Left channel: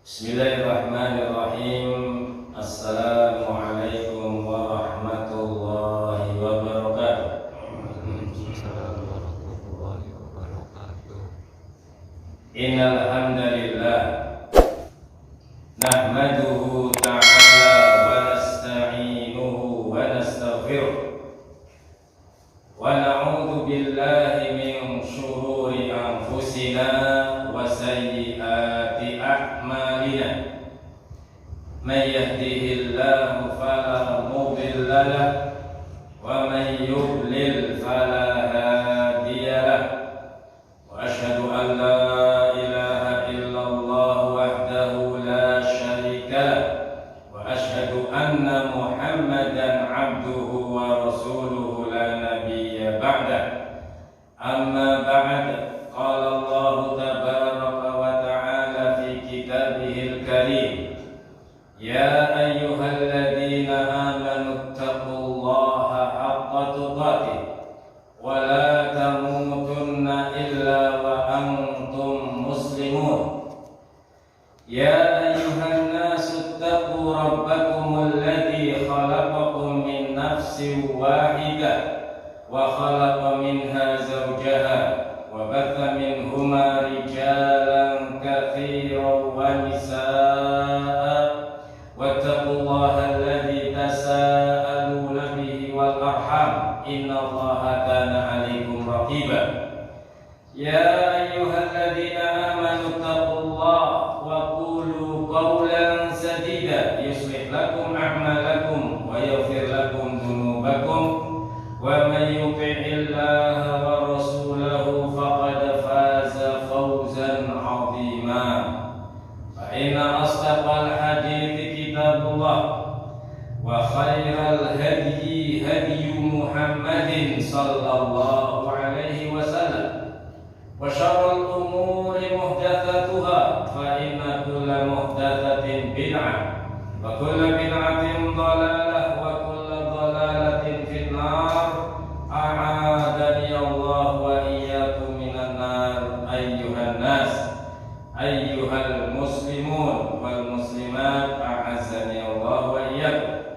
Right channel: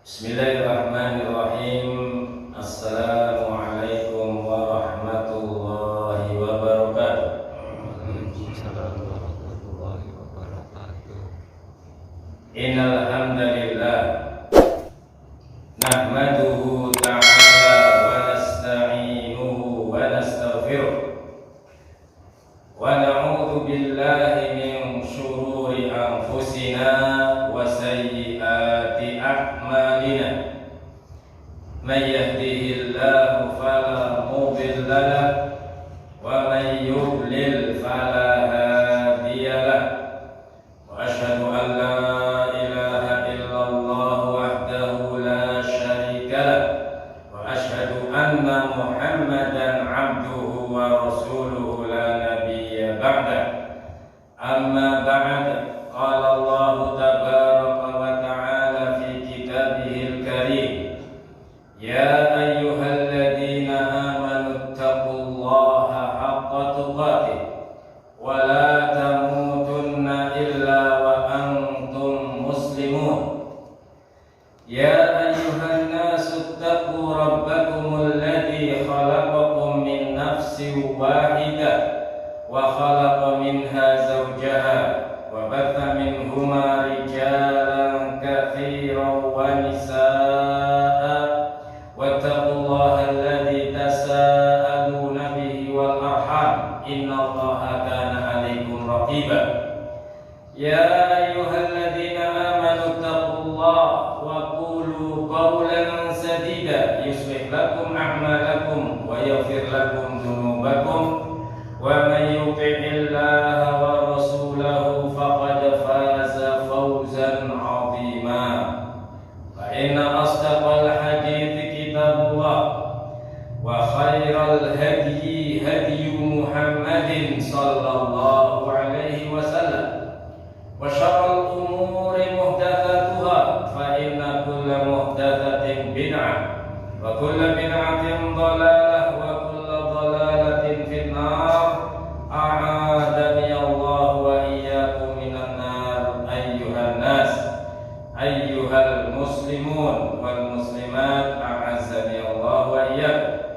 Bismillahirrahmanirrahim. Assalamualaikum warahmatullahi wabarakatuh. Waalaikumsalam warahmatullahi wabarakatuh. Innal hamdalillah nahmaduhu ta'ala wa nasta'inuhu wa nastaghfiruh wa na'udzu billahi min shururi anfusina wa sayyiati a'malina. May yahdihillahu fala mudilla lahu wa may yudlil fala hadiya lahu. Wa asyhadu an la ilaha illallah wahdahu la syarika lahu wa asyhadu anna Muhammadan abduhu wa rasuluhu la nabiyya ba'da. Amma ba'd, qala Allah tabaraka wa ta'ala fi kitabihil karim, ya ayyuhalladzina amanu taqullaha haqqa tuqatih wa la tamutunna illa wa antum muslimun. Ya ayyuhan nasu taqu rabbakumul ladzi khalaqakum min nafsin wahidah wa khalaqa minha zawjaha wa batha minhuma rijalan katsiran wa nisaa wattaqullaha alladzi tasaaluna bihi wal arham innallaha kana 'alaikum raqiba. Ya ayyuhalladzina amanu taqullaha wa qulu qawlan sadida yuslih lakum a'malakum wa yaghfir lakum dhunubakum wa may yuti'illaha wa rasulahu faqad faza fawzan 'azima. Fa inna asdaqal hadithi kitabullah wa khairal hadyi hadyu Muhammadin sallallahu alaihi wasallam wa syarrul umuri muhdatsatuha fa inna kulla muhdatsatin bid'ah wa kulla bid'atin dhalalah wa kulla dhalalatin finnar. A'adani Allah wa iyyakum minan nar. Ayyuhan nas, ayyuhal muslimun wal muslimat, a'azzani Allah wa iyyakum.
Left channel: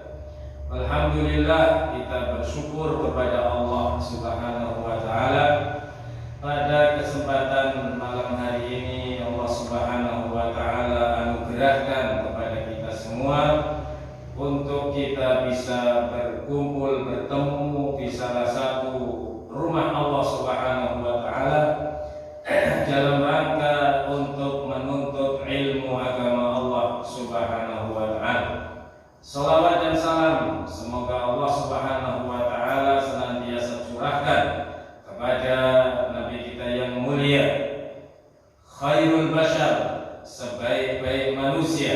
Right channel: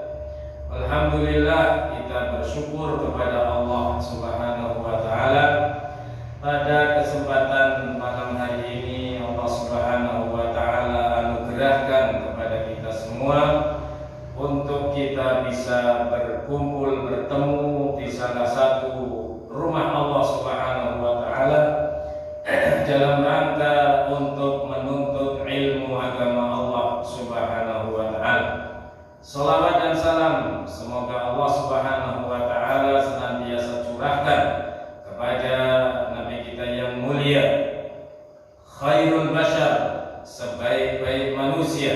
Alhamdulillah, kita bersyukur kepada Allah Subhanahu wa taala pada kesempatan malam hari ini. Allah Subhanahu wa taala anugerahkan kepada kita semua untuk kita bisa berkumpul, bertemu di salah satu rumah Allah Subhanahu wa taala dalam rangka untuk menuntut ilmu agama Allah Subhanahu wa taala. Salawat dan salam semoga Allah Subhanahu wa taala senantiasa curahkan kepada Nabi kita yang mulia, khairul bashar, sebaik-baik manusia,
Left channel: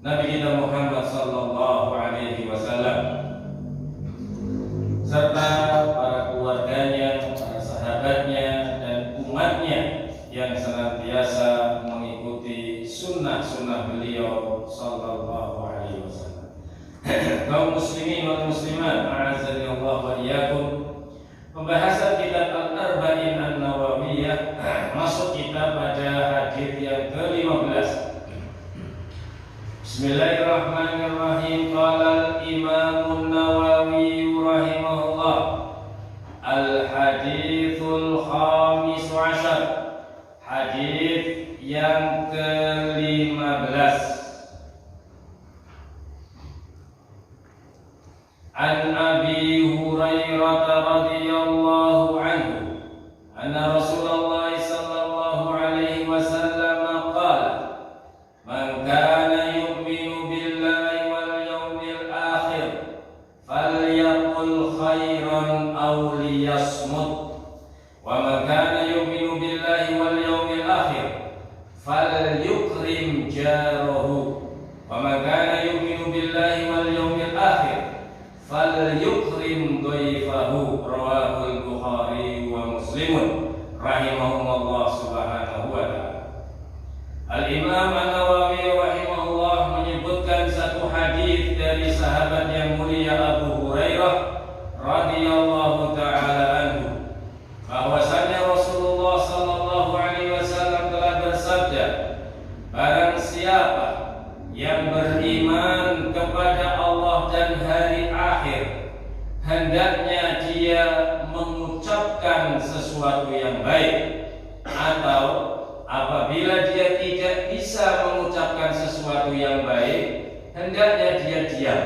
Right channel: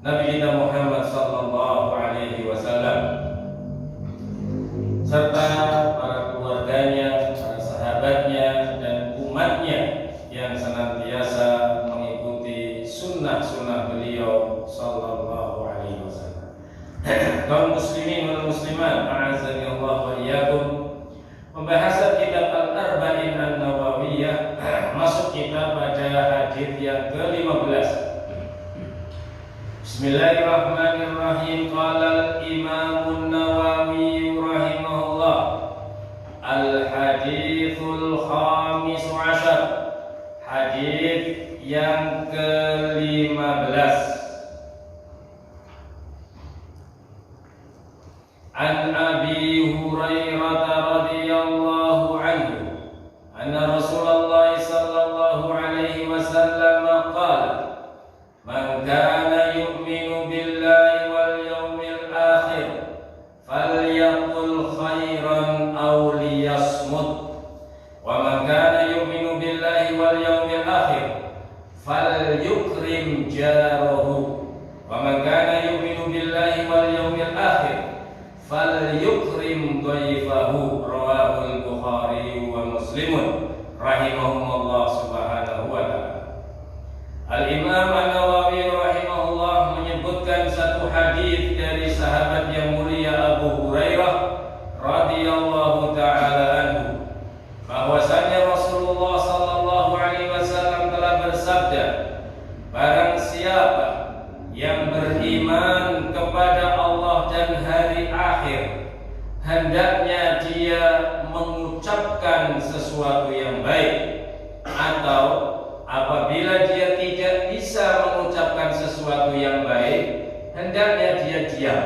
Nabi kita Muhammad sallallahu alaihi wasallam, serta para keluarganya, para sahabatnya, dan umatnya yang senantiasa mengikuti sunnah-sunnah beliau sallallahu alaihi wasallam. Kaum muslimin wal muslimat, a'azzani Allah wa iyyakum. Pembahasan kitab Al-Arba'in An-Nawawiyah masuk kita pada hadis yang ke-15. Bismillahirrahmanirrahim. Qala al-Imam an-Nawawi rahimahullah, al-hadithul khamis ashar, hadis yang ke-15. An Abi Hurairah radhiyallahu anhu anna Rasulullah sallallahu alaihi wasallam qala, man kana yu'minu billahi wal yawmil akhir falyaqul khairan aw liyasmut, wa man kana yu'minu billahi wal yawmil akhir falyukrim jarahu, wa man kana yu'minu billahi wal yawmil akhir falyukrim dhaifahu. Rawahul Bukhari wa Muslimun rahimahumullah subhanahu wa ta'ala. Al-Imam An-Nawawi rahimahullah menyebutkan satu hadis dari sahabat yang mulia Abu Hurairah radhiyallahu ta'ala anhu, bahwasanya Rasulullah sallallahu alaihi wasallam telah bersabda, barang hendaknya dia mengucapkan sesuatu yang baik, atau apabila dia tidak bisa mengucapkan sesuatu yang baik, hendaknya dia diam.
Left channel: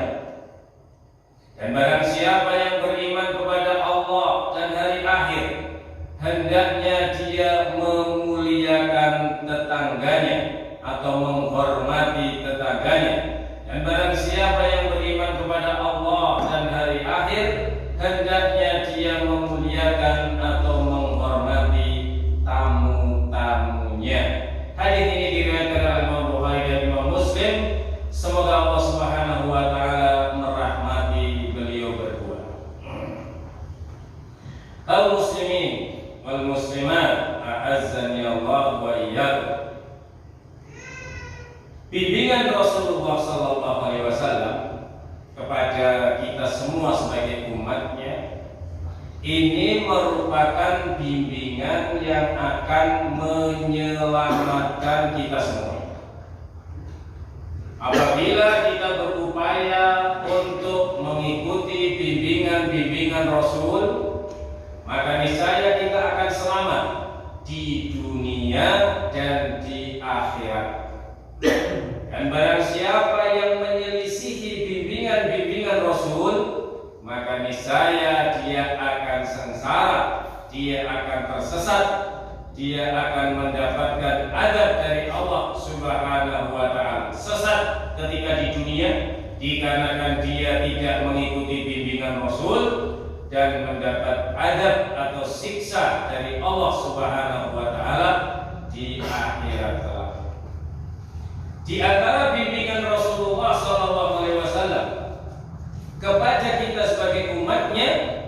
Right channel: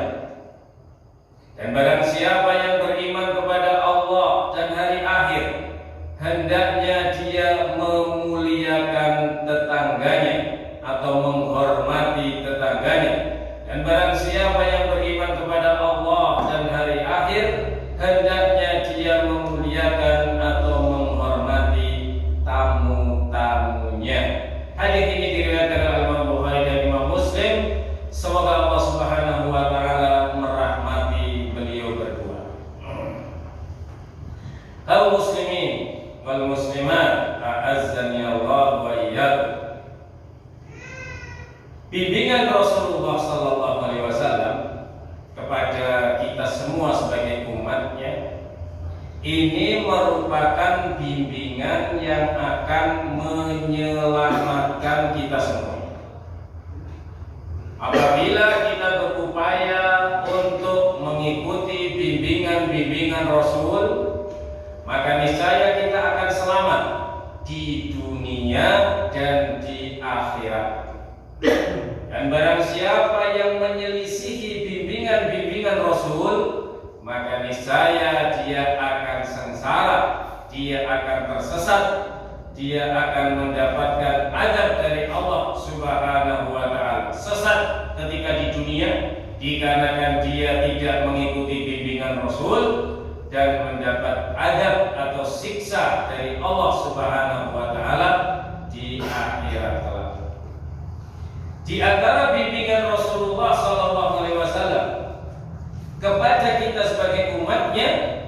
Dan barang siapa yang beriman kepada Allah dan hari akhir, hendaknya dia memuliakan tetangganya atau menghormati tetangganya. Dan barang siapa yang beriman kepada Allah dan hari akhir, hendaknya dia memuliakan atau menghormati tamu-tamunya. Hadis ini diriwayatkan oleh Imam Bukhari dan Imam Muslim. Semoga Allah Subhanahu wa taala merahmati beliau berdua. Al muslimin wal muslimat, a'azzani Allah wa iyyakum. Bimbingan Rasulullah sallallahu alaihi wasallam kepada kita semua sebagai umatnya ini merupakan bimbingan yang akan menyelamatkan kita semua. Apabila kita berupaya untuk mengikuti bimbingan-bimbingan Rasul, maka niscaya kita akan selamat di dunia dan di akhirat. Dan barang siapa yang menyelisihi bimbingan-bimbingan Rasul, maka niscaya dia akan sengsara, dia akan tersesat, dia akan mendapatkan azab dari Allah Subhanahu wa taala. Sesat ketika di dunia dikarenakan dia tidak mengikuti bimbingan Rasul, dan mendapat azab atau siksa dari Allah Subhanahu wa taala di akhirat kelak. Di antara bimbingan Rasulullah sallallahu alaihi wasallam kepada kita sebagai umatnya,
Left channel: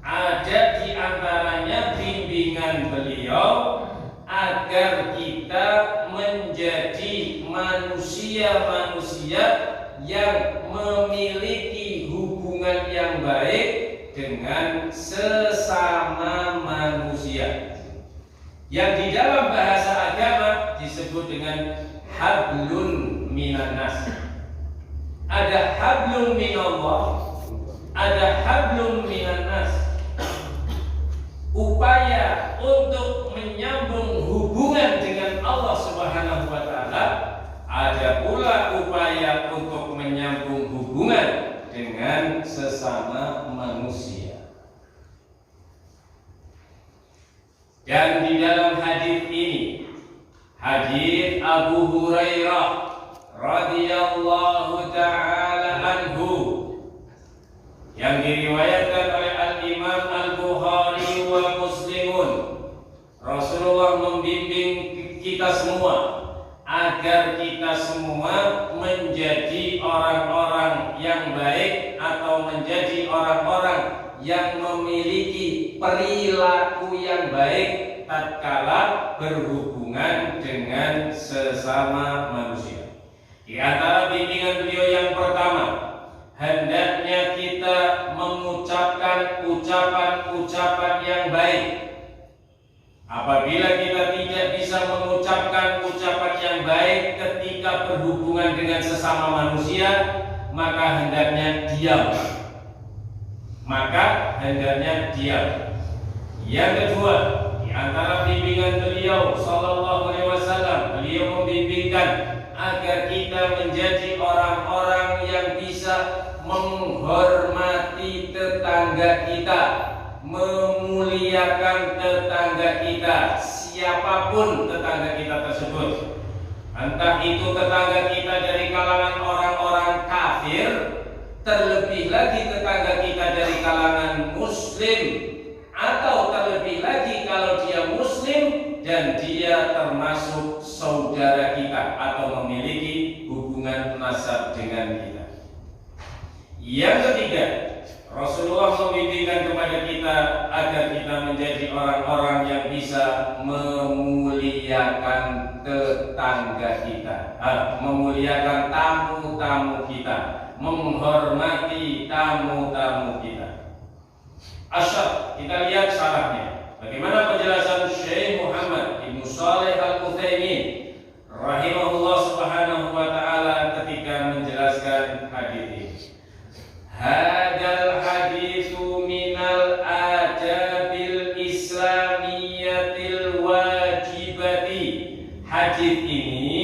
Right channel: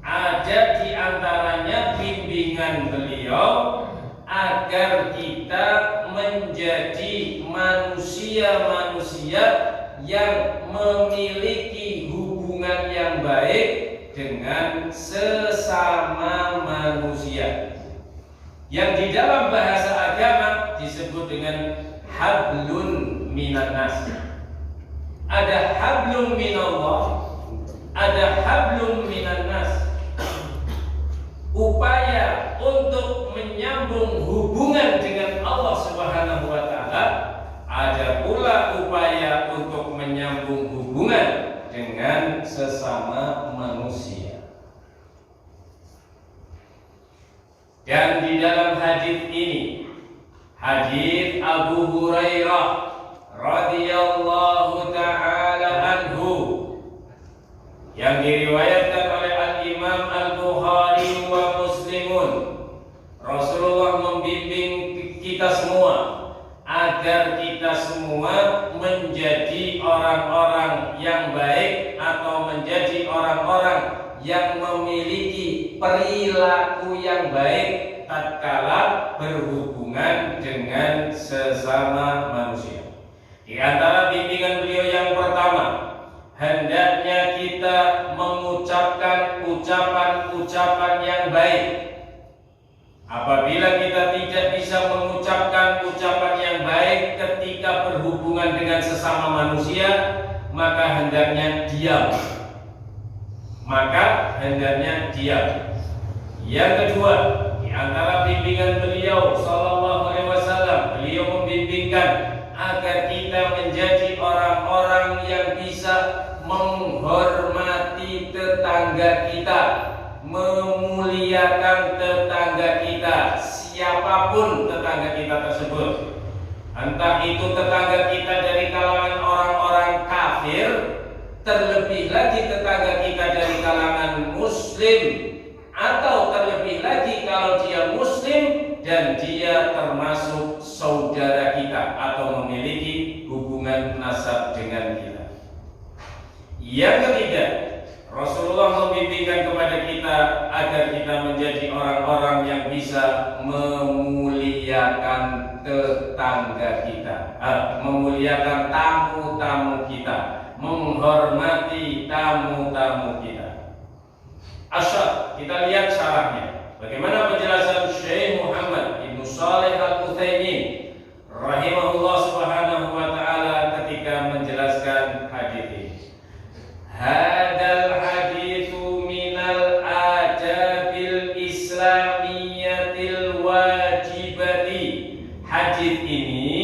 ada di antaranya bimbingan beliau agar kita menjadi manusia-manusia yang memiliki hubungan yang baik dengan sesama manusia, yang di dalam bahasa agama disebut dengan hablun minan nas. Ada hablun minallah, ada hablun minan nas. Upaya untuk menyambung hubungan dengan Allah Subhanahu wa taala, ada pula upaya untuk menyambung hubungan dengan sesama manusia. Dan di dalam hadis ini, hadis Abu Hurairah radhiyallahu taala anhu, yang diriwayatkan oleh Al-Imam Al-Bukhari wa Muslimun, Rasulullah membimbing kita semua agar kita semua menjadi orang-orang yang baik atau menjadi orang-orang yang memiliki perilaku yang baik tatkala berhubungan dengan sesama manusia. Di antara bimbingan beliau yang pertama, hendaknya kita mengucapkan ucapan-ucapan yang baik. Apabila kita tidak bisa mengucapkan ucapan yang baik ketika berhubungan dengan sesama manusia, maka hendaknya diam. Yang kedua, di antara bimbingan beliau sallallahu alaihi wasallam, beliau membimbingkan agar kita menjadi orang-orang yang bisa menghormati tetangga kita, memuliakan tetangga kita, siapapun tetangga kita tersebut. Entah itu tetangga kita dari kalangan orang-orang kafir, terlebih lagi tetangga kita dari kalangan muslim, atau terlebih lagi kalau dia muslim dan dia termasuk saudara kita atau memiliki hubungan nasab dengan kita. Yang ketiga, Rasulullah membimbingkan kepada kita agar kita menjadi orang-orang yang bisa memuliakan tetangga kita, memuliakan tamu-tamu kita, menghormati tamu-tamu kita. Asyar, kita lihat syarahnya. Bagaimana penjelasan Syekh Muhammad Ibnu Shalih Al-Utsaimin rahimahullah subhanahu wa ta'ala ketika menjelaskan hadis ini. Hadal haditsu ini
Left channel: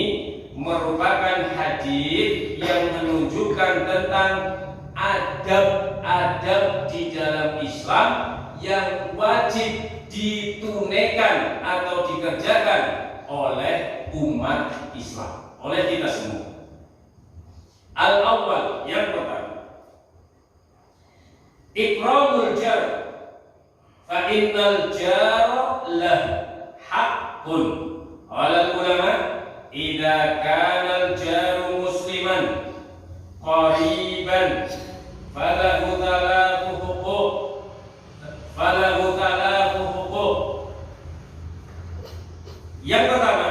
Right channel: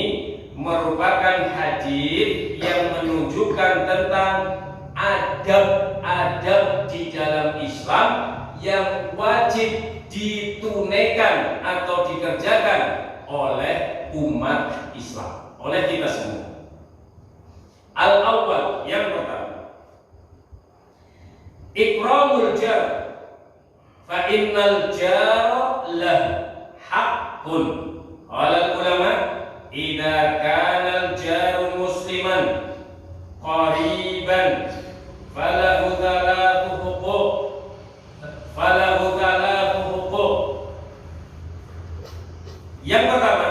merupakan hadis yang menunjukkan tentang adab-adab di dalam Islam yang wajib ditunaikan atau dikerjakan oleh umat Islam, oleh kita semua. Al-awwal, yang pertama, ikramul jar, fa innal jar lahu haqqun. Qala ulama, idza kana al-jar musliman qariban falahu thalathu huquq. Yang pertama,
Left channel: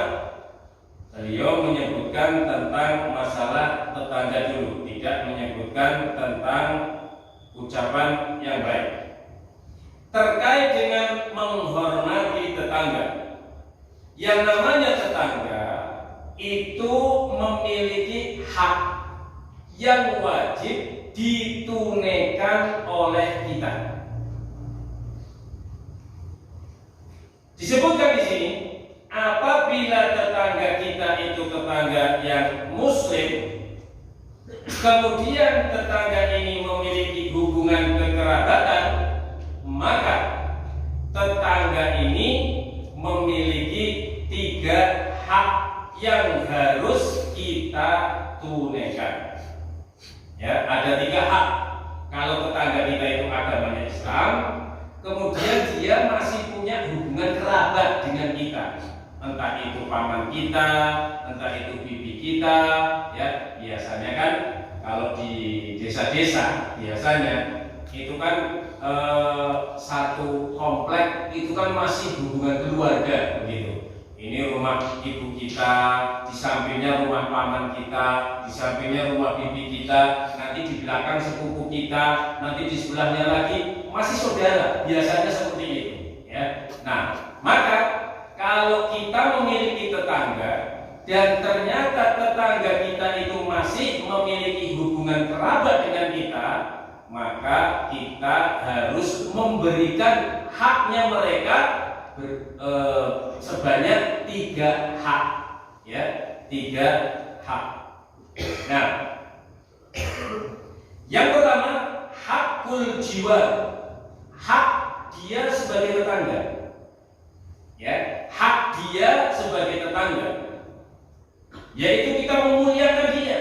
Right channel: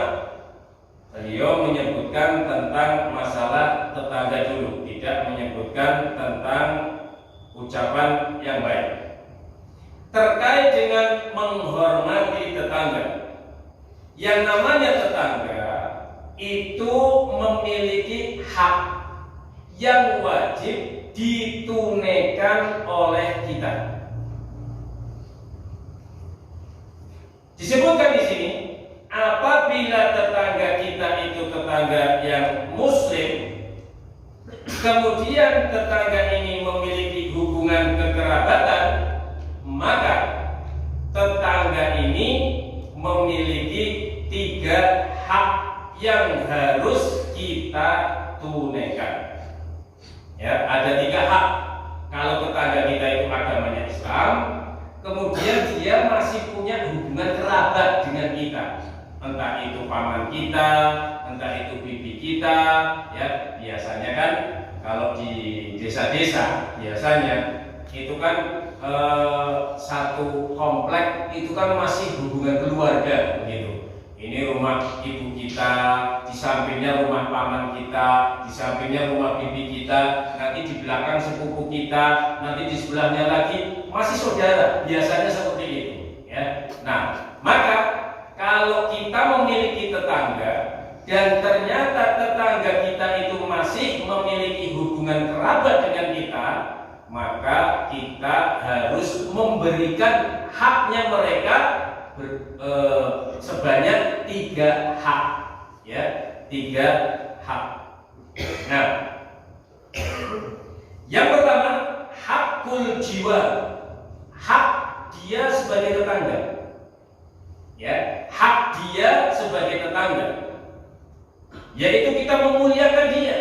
beliau menyebutkan tentang masalah tetangga dulu, tidak menyebutkan tentang ucapan yang baik. Terkait dengan menghormati tetangga, yang namanya tetangga itu memiliki hak yang wajib ditunaikan oleh kita. Disebutkan di sini, apabila tetangga kita itu tetangga yang muslim, kemudian tetangga ini memiliki hubungan kekerabatan, maka tetangga ini memiliki 3 hak yang harus kita tunaikan. Ya, ada 3 hak. Kalau tetangga kita itu agamanya Islam, kemudian dia masih punya hubungan kerabat dengan kita, entah itu paman kita, entah itu bibi kita, ya biasanya kan kalau di desa-desa biasanya itu kan satu komplek itu kan masih hubungan keluarga begitu. Ini rumah ibu kita, di sampingnya rumah paman kita, di sampingnya rumah bibi kita, nanti di belakang sepupu kita, nanti di sebelahnya lagi masih saudara, biasanya seperti itu, ya. Nah, maka kalau kita memiliki tetangga dan ternyata tetangga kita itu masih memiliki hubungan kerabat dengan kita, maka kita harus memberikan haknya mereka sebanyak 3 hak, ya, 3 hak. Nah, yang pertama, hakul jiwa, hak dia sebagai tetangga, ya, hak dia sebagai tetangga, yaitu kita memuliakan dia,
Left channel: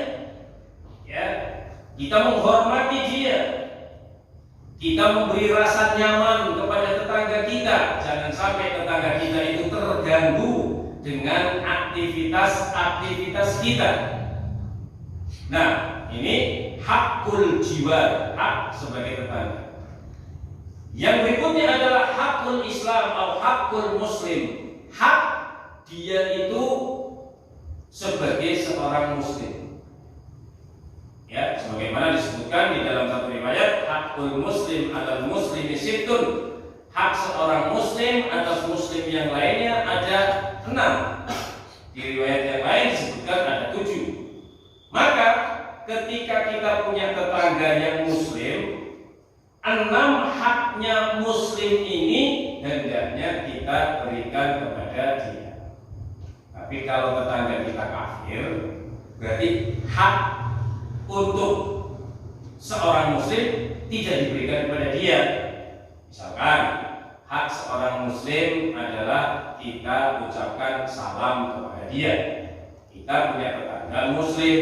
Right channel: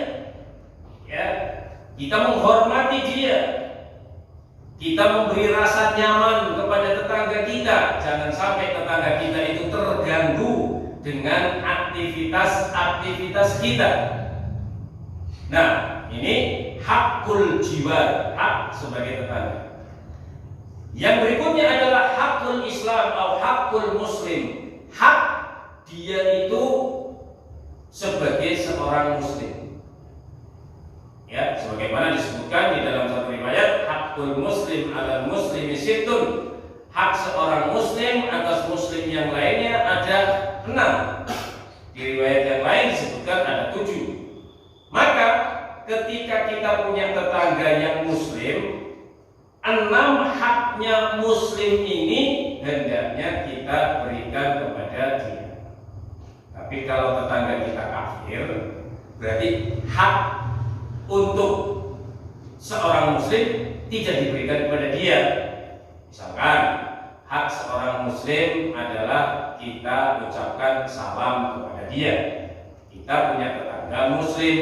ya, kita menghormati dia, kita memberi rasa nyaman kepada tetangga kita. Jangan sampai tetangga kita itu terganggu dengan aktivitas kita. Nah, ini hakul jiwa, hak sebagai tetangga. Yang berikutnya adalah hakul Islam atau hakul Muslim, hak dia itu sebagai seorang Muslim. Ya, sebagaimana disebutkan di dalam satu riwayat, hakul Muslim ala Muslimi sittun, hak seorang Muslim atas Muslim yang lainnya ada 6. Di riwayat yang lain disebutkan ada 7. Maka ketika kita punya tetangga yang Muslim, 6 haknya Muslim ini hendaknya kita berikan kepada dia. Tapi kalau tetangga kita kafir, berarti hak untuk seorang Muslim tidak diberikan kepada dia. Misalkan hak seorang Muslim adalah kita ucapkan salam kepada dia. Kita punya tetangga Muslim,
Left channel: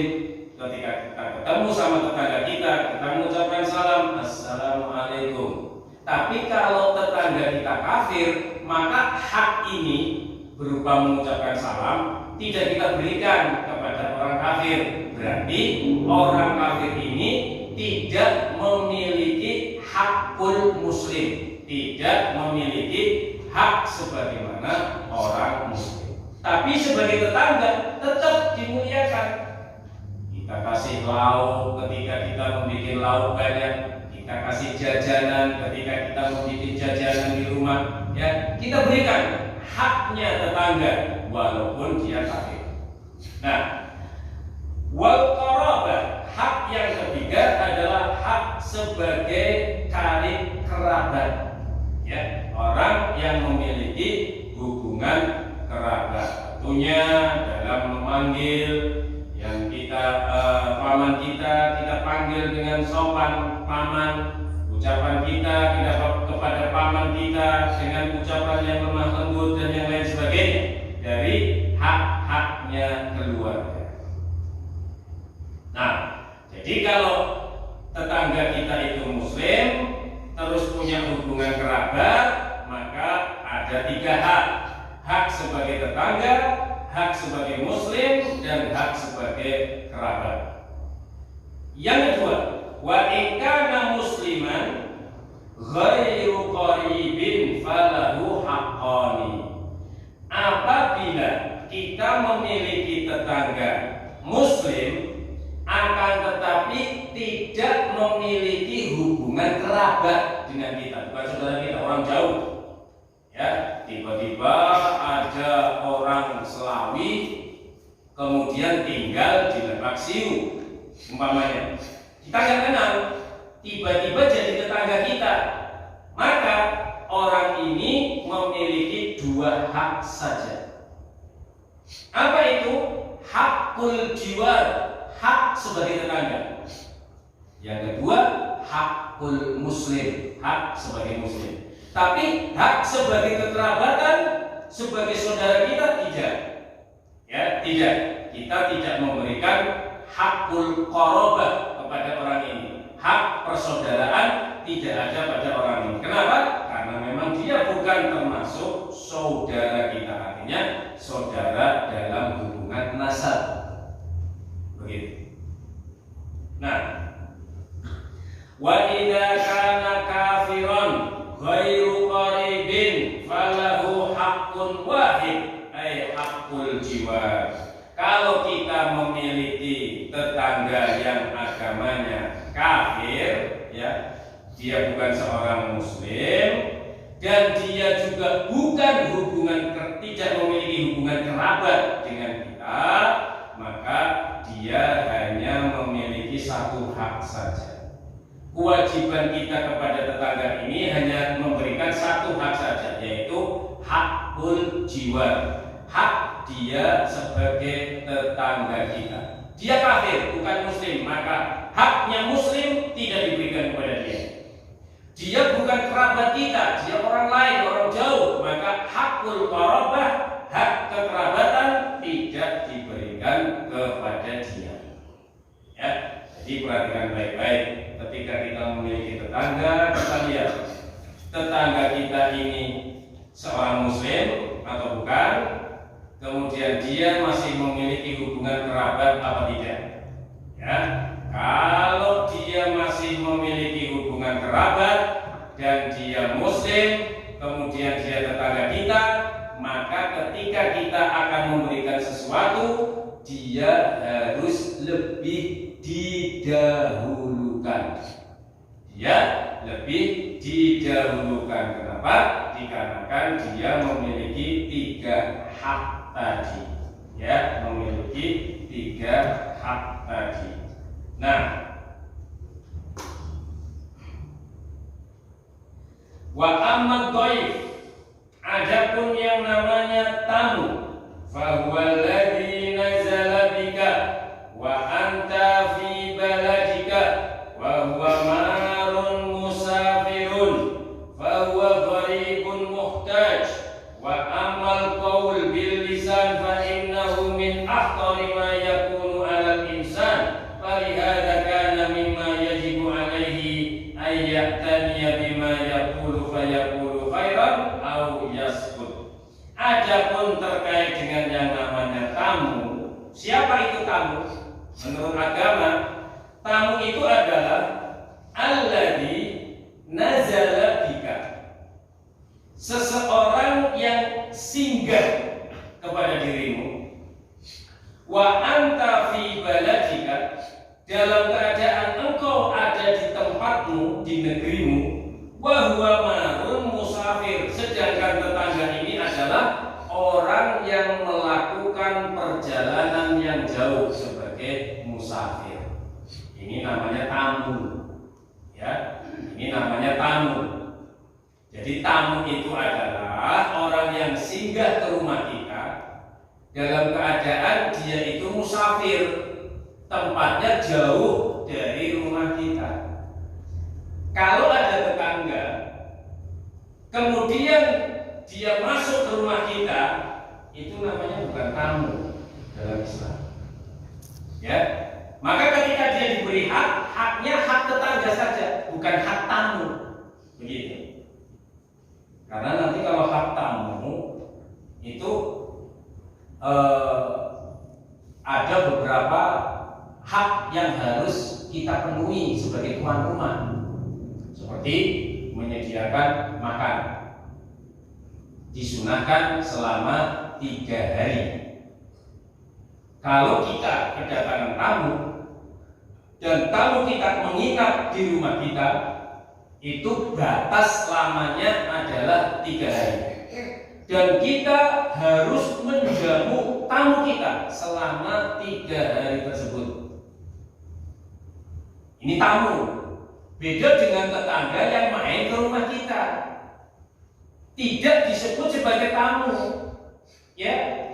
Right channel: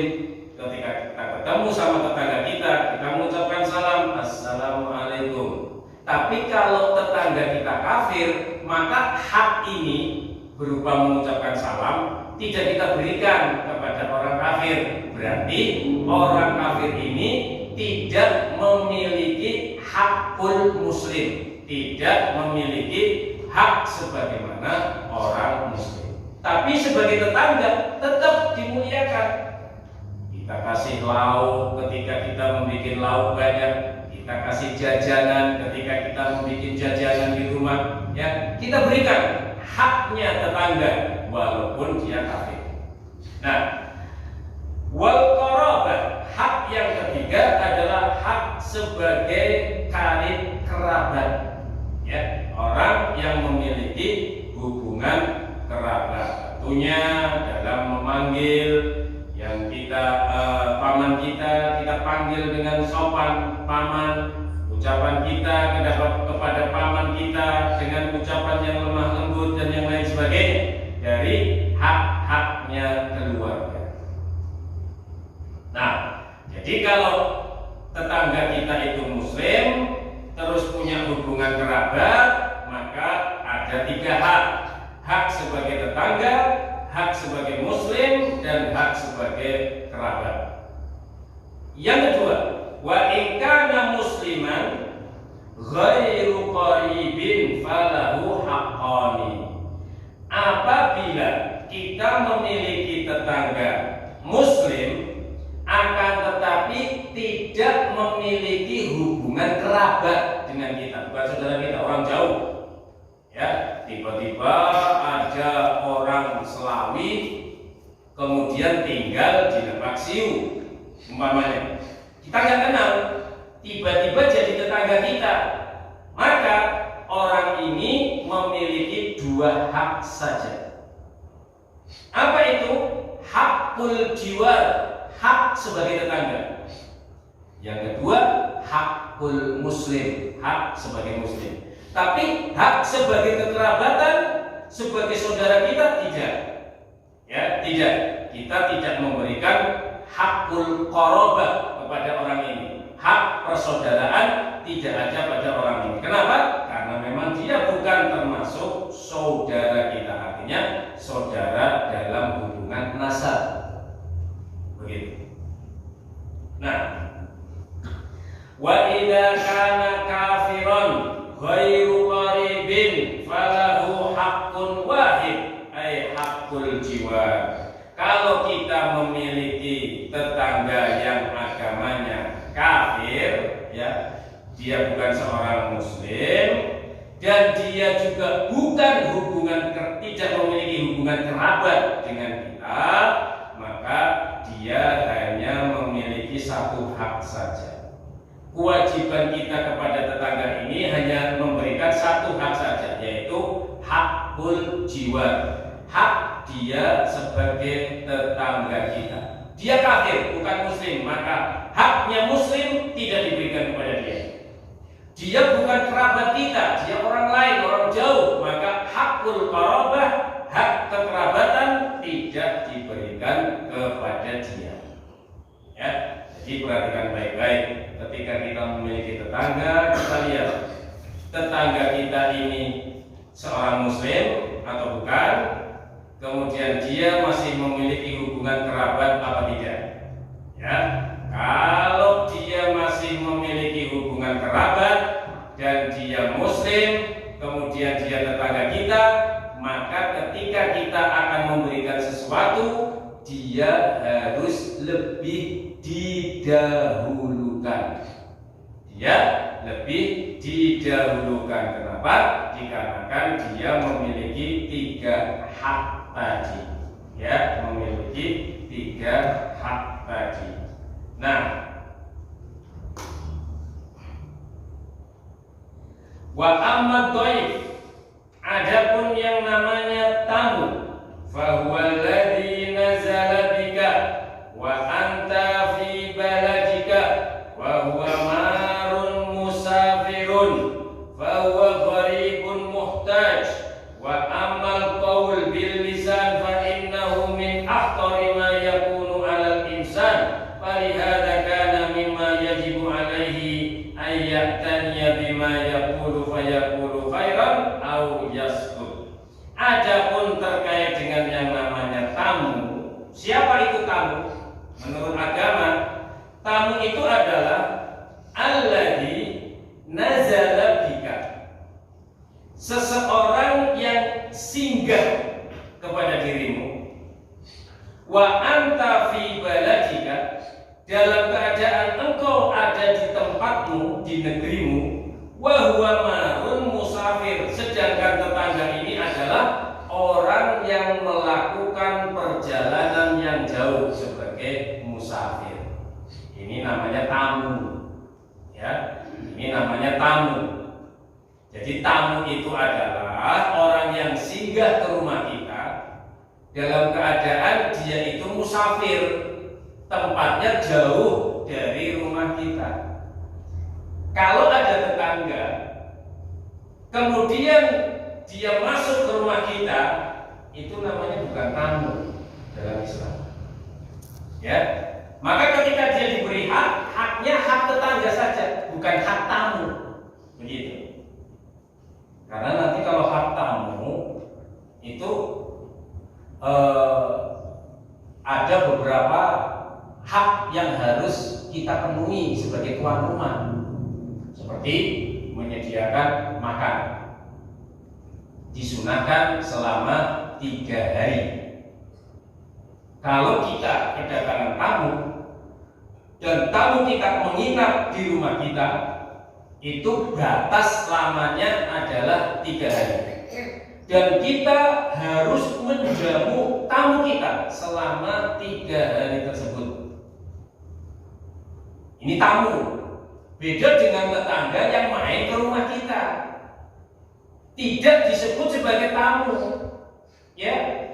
ketika kita ketemu sama tetangga kita mengucapkan salam, assalamualaikum. Tapi kalau tetangga kita kafir, maka hak ini berupa mengucapkan salam tidak kita berikan kepada orang kafir. Berarti orang kafir ini tidak memiliki hakul Muslim, tidak memiliki hak sebagaimana orang Muslim. Tapi sebagai tetangga tetap dimuliakan. Kita kasih lauk ketika kita membuat lauk banyak, kita kasih jajanan ketika kita membuat jajanan di rumah, ya kita berikan haknya tetangga walaupun dia kafir. Nah, wal qarabah, hak yang ketiga adalah hak sebagai karib kerabat, ya, orang yang memiliki hubungan kerabat. Tentunya dalam memanggil, yang paman kita panggil dengan sopan paman, ucapan kita kepada paman kita dengan ucapan yang lemah lembut dan yang lain sebagainya dari hak-haknya keluarga. Nah, jadi kalau tetangga kita itu muslim terus punya hubungan kerabat, maka ada 3 hak. Hak sebagai tetangga, hak sebagai muslim, dan hak sebagai kerabat. Yang kedua, wa in kana musliman ghairu qaribin falahu haqqani. Apabila kita memiliki tetangga muslim akan tetapi tidak memiliki hubungan kerabat dengan kita, bukan saudara kita, orang jauh. Ya, tiba-tiba ada orang Selawi kemudian tinggal di Lebak Siu umpamanya, kita nggak kenal, tiba-tiba jadi tetangga kita, maka orang ini memiliki 2 hak saja. Apa itu? Hakul jiwar, hak sebagai tetangga. Yang kedua, hakul muslim, hak sebagai muslim. Tapi hak sebagai kekerabatan, sebagai saudara kita tidak. Ya, tidak. Kita tidak memberikan hakul qarabah kepada orang ini. Hak persaudaraan tidak ada pada orang ini. Kenapa? Karena memang dia bukan termasuk saudara kita, artinya saudara dalam hubungan nasab. Begitu. Nah, wa idza kana kafiron ghairu qaribin falahu haqqun wahid, ay haqqul jiwar. Kalau kita memiliki tetangga yang agamanya kafir, ya, dia bukan seorang muslim dan dia juga tidak memiliki hubungan kerabat dengan kita, maka dia hanya memiliki 1 hak saja. Kewajiban kita kepada tetangga ini hanya memberikan 1 hak saja, yaitu hakul jiwa, hak dia sebagai tetangga kita. Dia kafir, bukan muslim, maka haknya muslim tidak diberikan kepada dia. Dia bukan kerabat kita, dia orang lain, orang jauh, maka hakul qarabah, hak kekerabatan tidak diberikan kepada dia. Ya, jadi perhatikan baik-baik. Ketika kita memiliki tetangga, kita lihat tetangga kita ini seorang muslim atau bukan, kemudian dia masih memiliki hubungan kerabat apa tidak. Ya, kalau dia masih memiliki hubungan kerabat dan dia muslim, kemudian dia tetangga kita, maka ketika kita akan memberikan sesuatu, dia harus lebih didahulukan. Dia lebih didahulukan. Kenapa? Dikarenakan dia memiliki 3 hak tadi. Ya, memiliki 3 hak tadi. Nah, wa amma dhaif, adapun yang namanya tamu, fa huwa alladhi nazala bika wa anta fi baladika wa huwa marun musafirun fa huwa gharibun muhtaj. Wa amal qaul bil lisan fa innahu min akhtari ma yakunu 'alal insan, falihada kana mimma yajibu 'alaihi ay ya'taniya bima yaqulu fa yaqulu khairan aw yaskut. Adapun terkait dengan yang namanya tamu, siapa itu tamu? Menurut agama, tamu itu adalah alladzi nazala bika, seseorang yang singgah kepada dirimu, wa anta fi baladika, dalam keadaan engkau ada di tempatmu, di negerimu, wa huwa marun musafir, sedangkan tetangga ini adalah orang yang melakukan perjalanan yang jauh sebagai musafir. Ini namanya tamu. Ya, ini namanya tamu. Jadi tamu itu adalah orang yang singgah ke rumah kita dalam keadaan dia itu musafir, tempatnya jauh dari rumah kita. Kalau ada tetangga, kemudian dia masuk ke rumah kita, itu namanya bukan tamu dalam Islam. Ya, maka ketika dia diberi hak, haknya hak tetangga saja, bukan hak tamu. Begitu. Karena nanti kalau hak tamu itu ada beberapa hak yang harus kita penuhi sebagai tuan rumah, seperti menyediakan makan, disunahkan selama 3 hari. Kalau kita kedatangan tamu dan tamu kita menginap di rumah kita, itu batas lamanya adalah 3 hari. Dan kita harus menjamu tamu kita selama 3 hari tersebut. Ini tamu. Beda dengan tetangga yang main ke rumah kita. Tidak disebut sebagai tamu. Ya.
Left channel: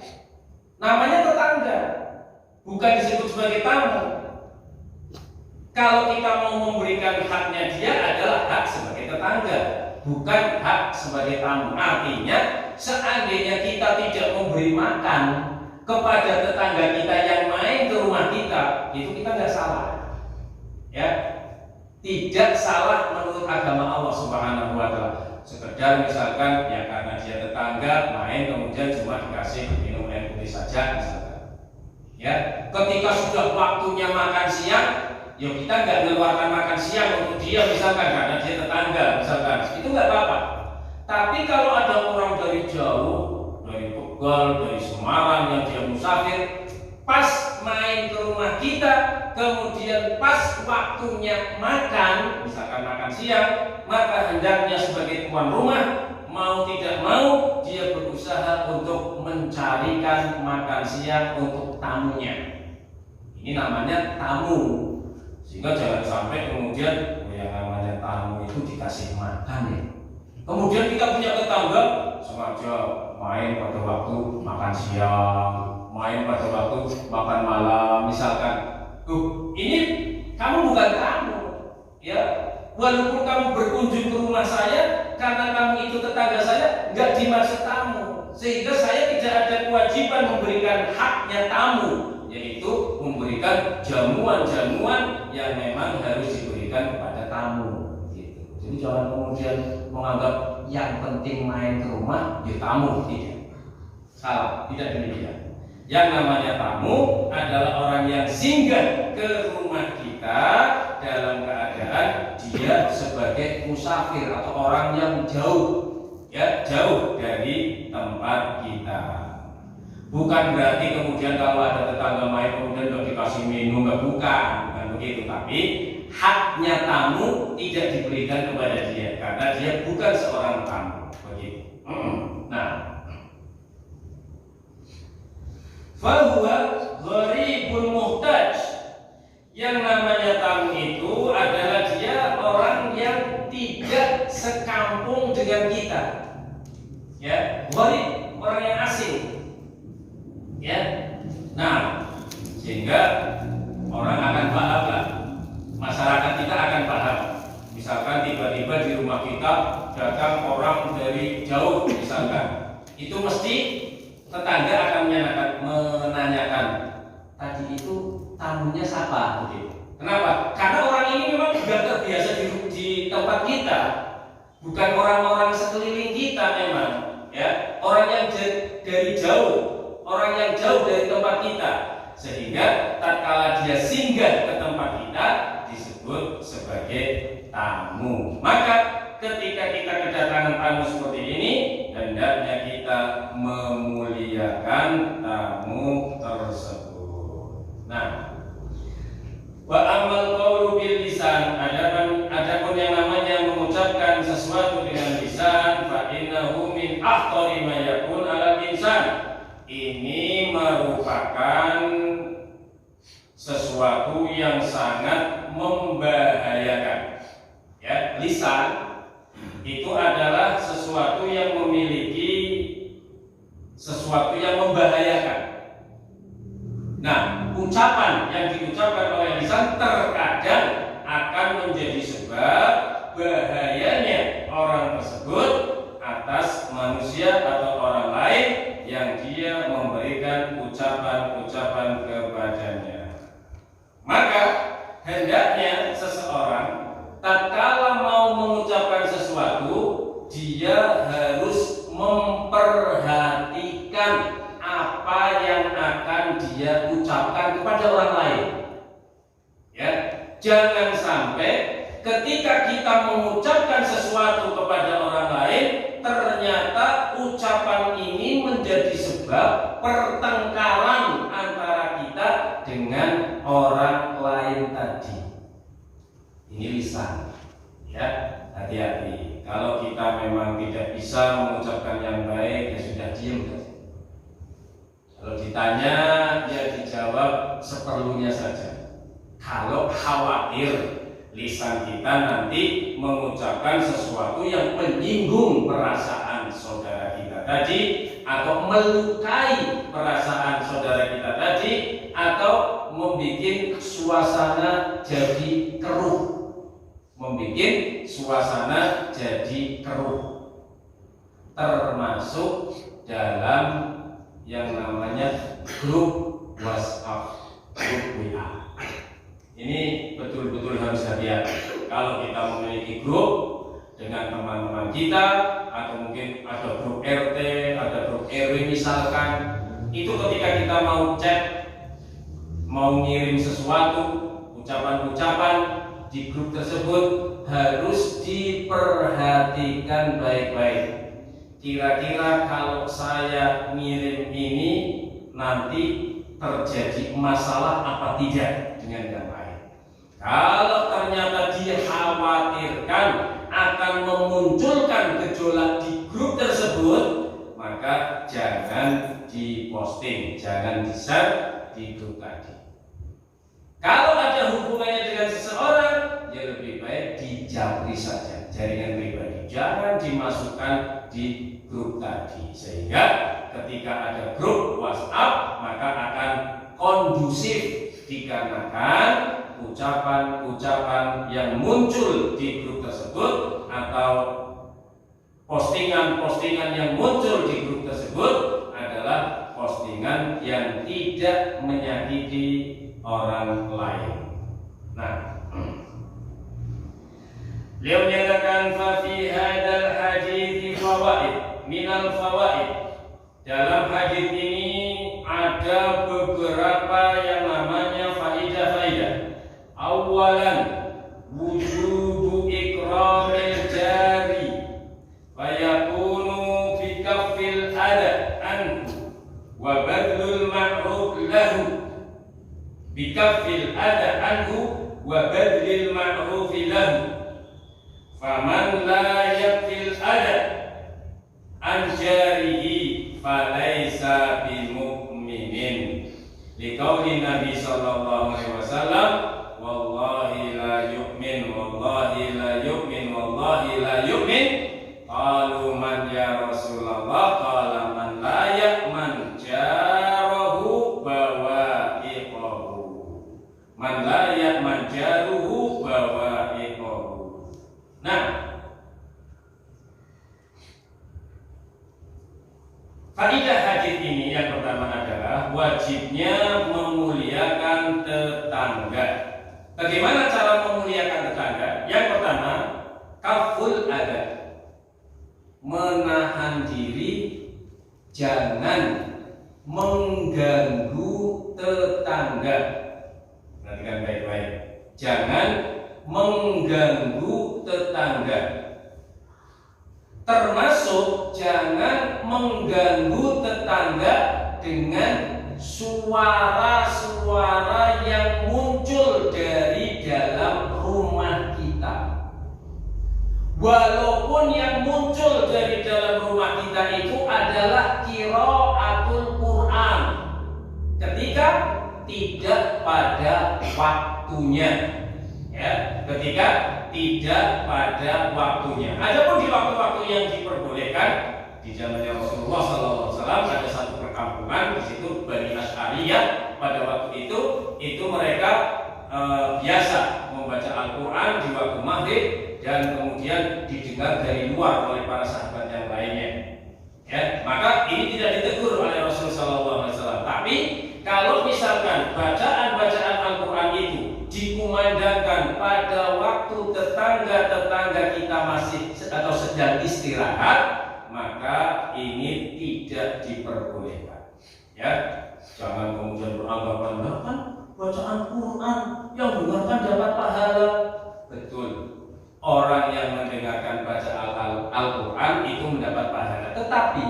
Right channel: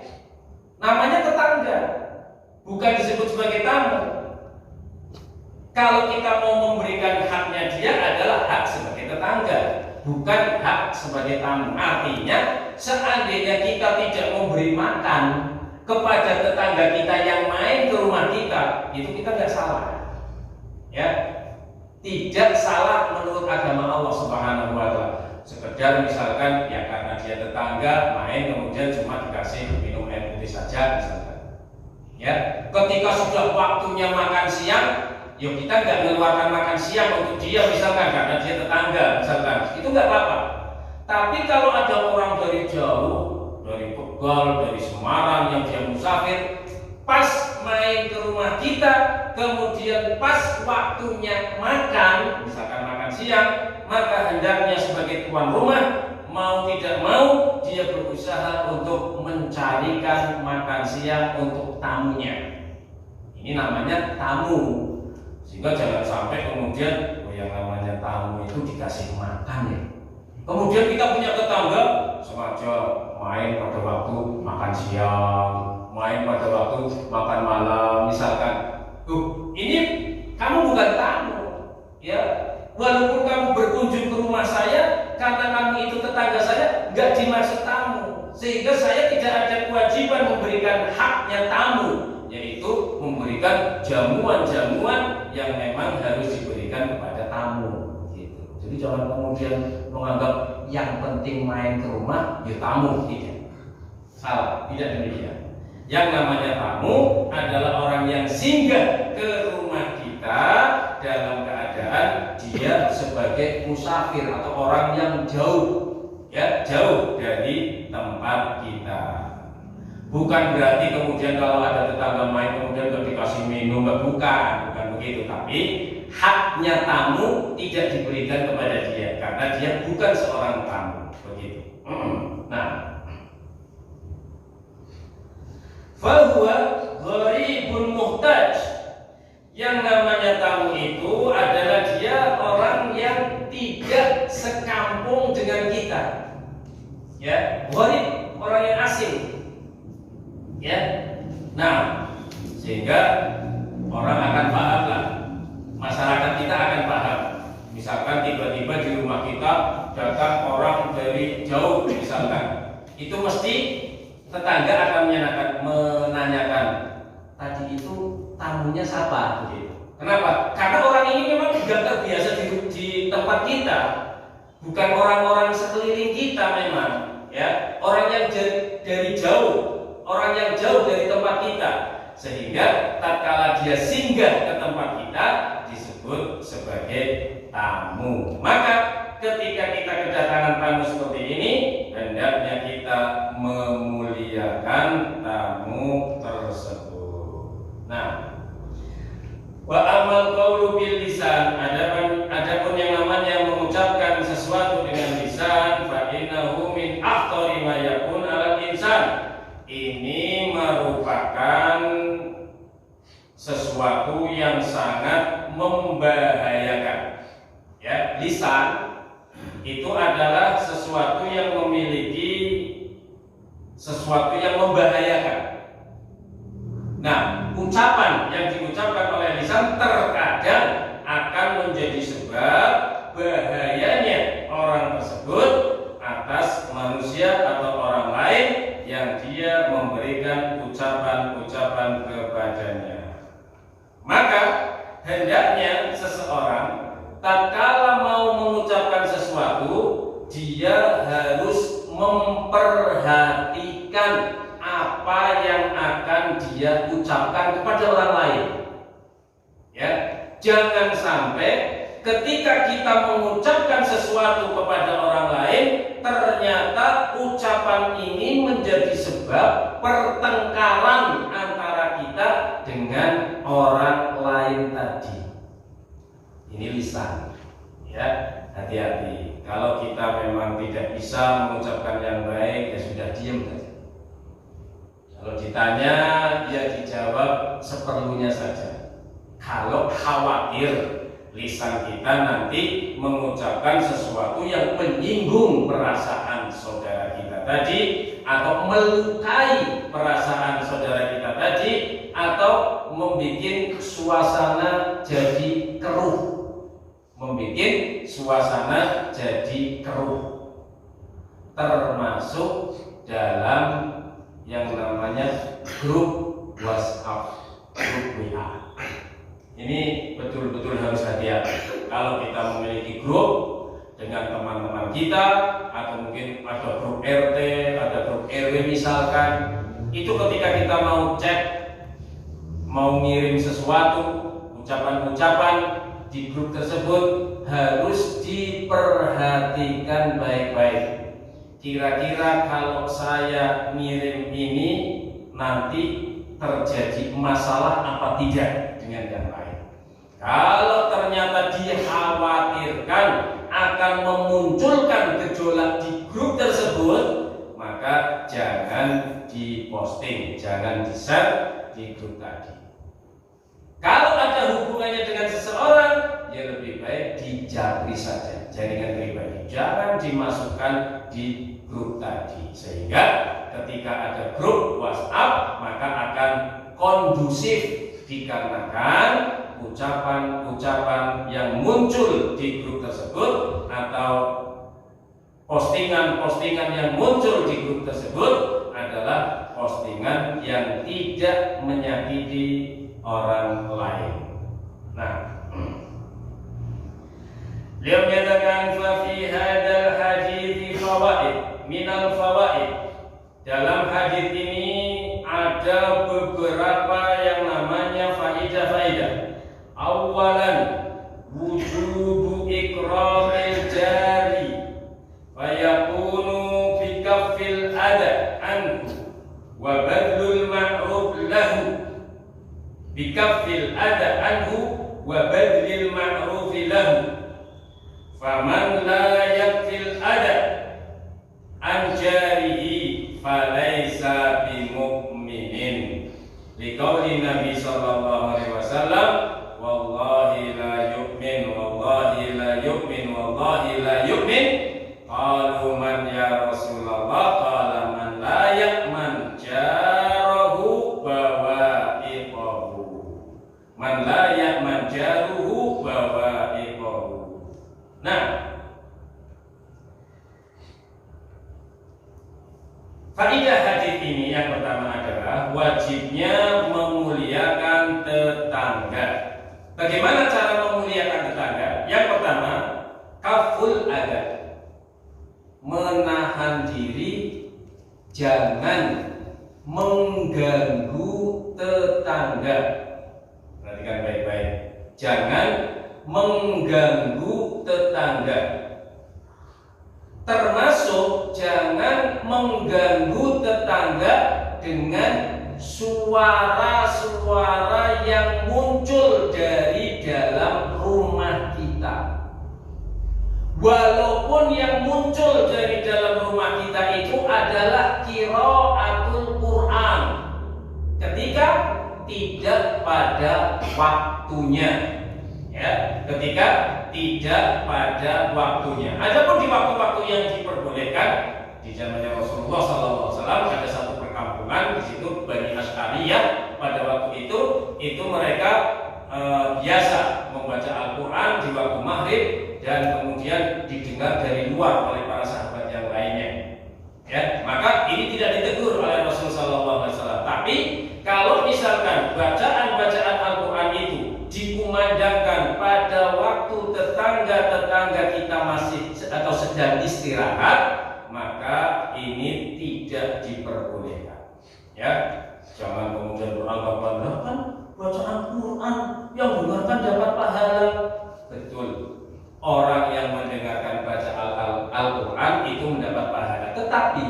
Namanya tetangga. Bukan disebut sebagai tamu. Kalau kita mau memberikan haknya dia adalah hak sebagai tetangga, bukan hak sebagai tamu. Artinya seandainya kita tidak memberi makan kepada tetangga kita yang main ke rumah kita, itu kita nggak salah. Ya, tidak salah menurut agama Allah Subhanahu wa Ta'ala. Sekedar misalkan ya karena dia tetangga main kemudian cuma dikasih minum air putih saja misalkan. Ya, ketika sudah waktunya makan siang, yuk kita nggak mengeluarkan makan siang untuk dia misalkan karena dia tetangga misalkan, itu nggak apa-apa. Tapi kalau ada orang dari jauh, dari Tegal, dari Semarang yang dia musafir, pas main ke rumah kita, kemudian pas waktunya makan, misalkan makan siang, maka hendaknya sebagai tuan rumah mau tidak mau dia berusaha untuk mencarikan makan siang untuk tamunya. Ini namanya tamu. Sehingga jangan sampai kemudian yang namanya tamu itu dikasih makan ya. Kemudian kita punya tetangga sengaja main pada waktu makan siang, main pada waktu makan malam misalkan. Tuh, ini kamu bukan tamu ya. Walaupun kamu berkunjung ke rumah saya, karena kamu itu tetangga saya, nggak dimaksud tamu. Sehingga saya tidak ada kewajiban memberikan haknya tamu, yaitu memberikan jamuan-jamuan yang memang harus diberikan kepada tamu gitu. Jadi jangan kemudian menganggap yang penting main ke rumah ya tamu, tidak. Salah, tidak demikian. Yang namanya tamu adalah orang yang singgah ke rumah kita dalam keadaan dia sebagai musafir atau orang yang jauh, ya jauh dari tempat kita. Bukan berarti kemudian kalau ada tetangga main kemudian nggak dikasih minum, nggak, bukan begitu. Tapi haknya tamu tidak diberikan kepada dia karena dia bukan seorang tamu, begitu. Nah, fahuwa gharibun muhtaj. Yang namanya tamu itu adalah dia orang yang tidak sekampung dengan kita. Ya, gharib, orang yang asing. Ya. Nah, sehingga orang akan paham lah. Masyarakat kita akan paham. Misalkan tiba-tiba di rumah kita datang orang dari jauh misalkan. Itu mesti tetangga akan menanyakan, tadi itu tamunya siapa? Begitu. Kenapa? Karena orang ini memang tidak terbiasa di tempat kita, bukan orang-orang sekeliling kita memang, ya orang yang dari jauh, orang yang jauh dari tempat kita, sehingga tatkala dia singgah ke tempat kita disebut sebagai tamu. Maka ketika kita kedatangan tamu seperti ini, hendaknya kita memuliakan tamu tersebut. Nah, wa amal qawlu bil lisan, adapun yang namanya mengucapkan sesuatu dengan lisan, fa innahu min akhtari ma yakun 'alal insan. Ini merupakan sesuatu yang sangat membahayakan. Ya, lisan itu adalah sesuatu yang memiliki sesuatu yang membahayakan. Nah, ucapan yang diucapkan oleh lisan terkadang akan menjadi sebab bahayanya orang tersebut atas manusia atau orang lain yang dia memberikan ucapan-ucapan kepadanya. Maka hendaknya seseorang tatkala mau mengucapkan sesuatu, dia harus memperhatikan apa yang akan dia ucapkan kepada orang lain. Ya, jangan sampai ketika kita mengucapkan sesuatu kepada orang lain, ternyata ucapan ini menjadi sebab pertengkaran antara kita dengan orang lain tadi. Ini lisan, ya, hati-hati. Kalau kita memang tidak bisa mengucapkan yang baik, ya sudah diam saja. Kalau ditanya, ya dijawab seperlunya saja. Kalau khawatir lisan kita nanti mengucapkan sesuatu yang menyinggung perasaan saudara kita tadi, atau melukai perasaan saudara kita tadi, atau membuat suasana jadi keruh. Membuat suasana jadi keruh, termasuk dalam yang namanya grup WhatsApp, grup WA. Ini betul-betul harus hati-hati. Kalau kita memiliki grup dengan teman-teman kita, atau mungkin ada grup RT, ada grup RW misalkan, itu ketika kita mau chat, mau ngirim sesuatu, ucapan-ucapan di grup tersebut harus diperhatikan baik-baik. Kira-kira kalau saya ngirim ini nanti terjadi masalah apa tidak dengan yang lain. Kalau ternyata dikhawatirkan akan memunculkan gejolak di grup tersebut, maka jangan diposting, jangan di-share di grup tadi. Kalau ada hubungannya dengan seseorang, ya lebih baik dijabri saja, jaringan pribadi. Jangan dimasukkan di grup tadi, sehingga ketika ada grup WhatsApp maka akan kondusif, dikarenakan ucapan-ucapan yang muncul di grup tersebut atau postingan-postingan yang muncul di grup tersebut adalah postingan yang tidak menyakiti orang lain. Nah, beliau menyatakan fa fi hadzal hadits fawaid minal fawaid. Dalam hadis ini ada beberapa yang namanya faidah-faidah. Awalan, wujubu ikramil jari fayakunu fi kaffil adha anhu wa badlul ma'ruf lahu. Bikaffil adha anhu wa badlil ma'ruf lahu. Faman la yakfil adha an jarihi falaysa bimu'minin. Liqauli Nabi sallallahu alaihi wasallam, wallahi la yu'min, wallahi la yu'min, wallahi la yu'min. Qalu man ya Rasulullah? Qala man la ya'man jarahu bawa'iqahu. Man la ya'man jaruhu bawa'iqahu. Nah, faidah hadis ini yang pertama adalah wajibnya memuliakan tetangga. Bagaimana cara memuliakan tetangga? Yang pertama, kaful adab, menahan diri, jangan mengganggu tetangga. Perhatikan baik-baik, jangan mengganggu tetangga. Termasuk jangan mengganggu tetangga dengan suara-suara yang muncul dari dalam rumah kita. Walaupun yang muncul dari dalam rumah kita itu adalah qiraatul Quran, ketika tidak pada waktunya, ya, ketika tidak pada waktunya. Adapun di waktu-waktu yang diperbolehkan, di zamannya Rasulullah SAW ada satu perkampungan di situ Bani Asy'ariyah pada waktu itu mereka biasa membaca Al-Quran di waktu maghrib dan kemudian didengar dari luar oleh para sahabat yang lainnya. Ya, maka ini tidak ditegur oleh Rasulullah SAW. Tapi kalau misalkan bacaan-bacaan Al-Quran itu dikumandangkan pada waktu tetangga-tetangga kita masih atau sedang istirahat, maka ini tidak diperbolehkan. Ya, jangan kemudian beranggapan kan bacaan Quran yang dengarkan dapat pahala. Betul, orang yang mendengarkan bacaan Al-Quran itu mendapat pahala. Tetapi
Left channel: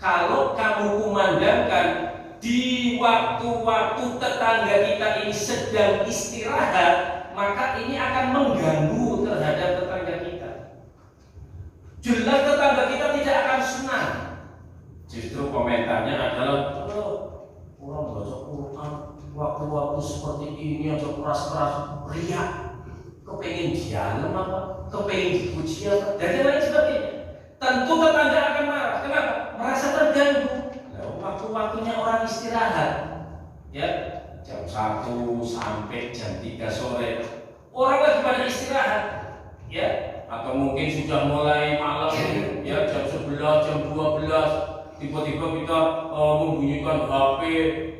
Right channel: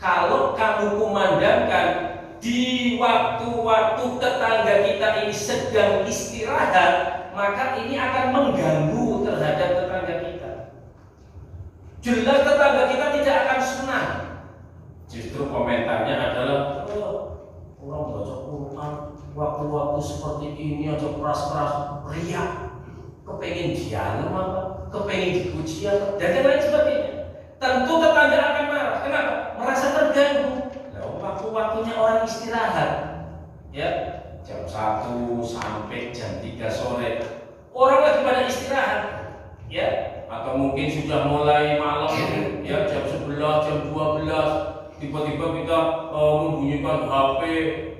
kalau kamu kumandangkan di waktu-waktu tetangga kita ini sedang istirahat, maka ini akan mengganggu terhadap tetangga kita. Jelas tetangga kita tidak akan senang. Justru komentarnya adalah orang baca Quran waktu-waktu seperti ini aja keras-keras riak, kepengen dialog apa, kepengen dipuji apa, dan lain sebagainya. Tentu tetangga akan marah. Kenapa? Merasa terganggu. Waktu-waktunya orang istirahat, ya, jam 1 sampai jam 3 sore orang lagi pada istirahat, ya, atau mungkin sudah mulai malam, ya, jam 11, jam 12 tiba-tiba kita membunyikan HP,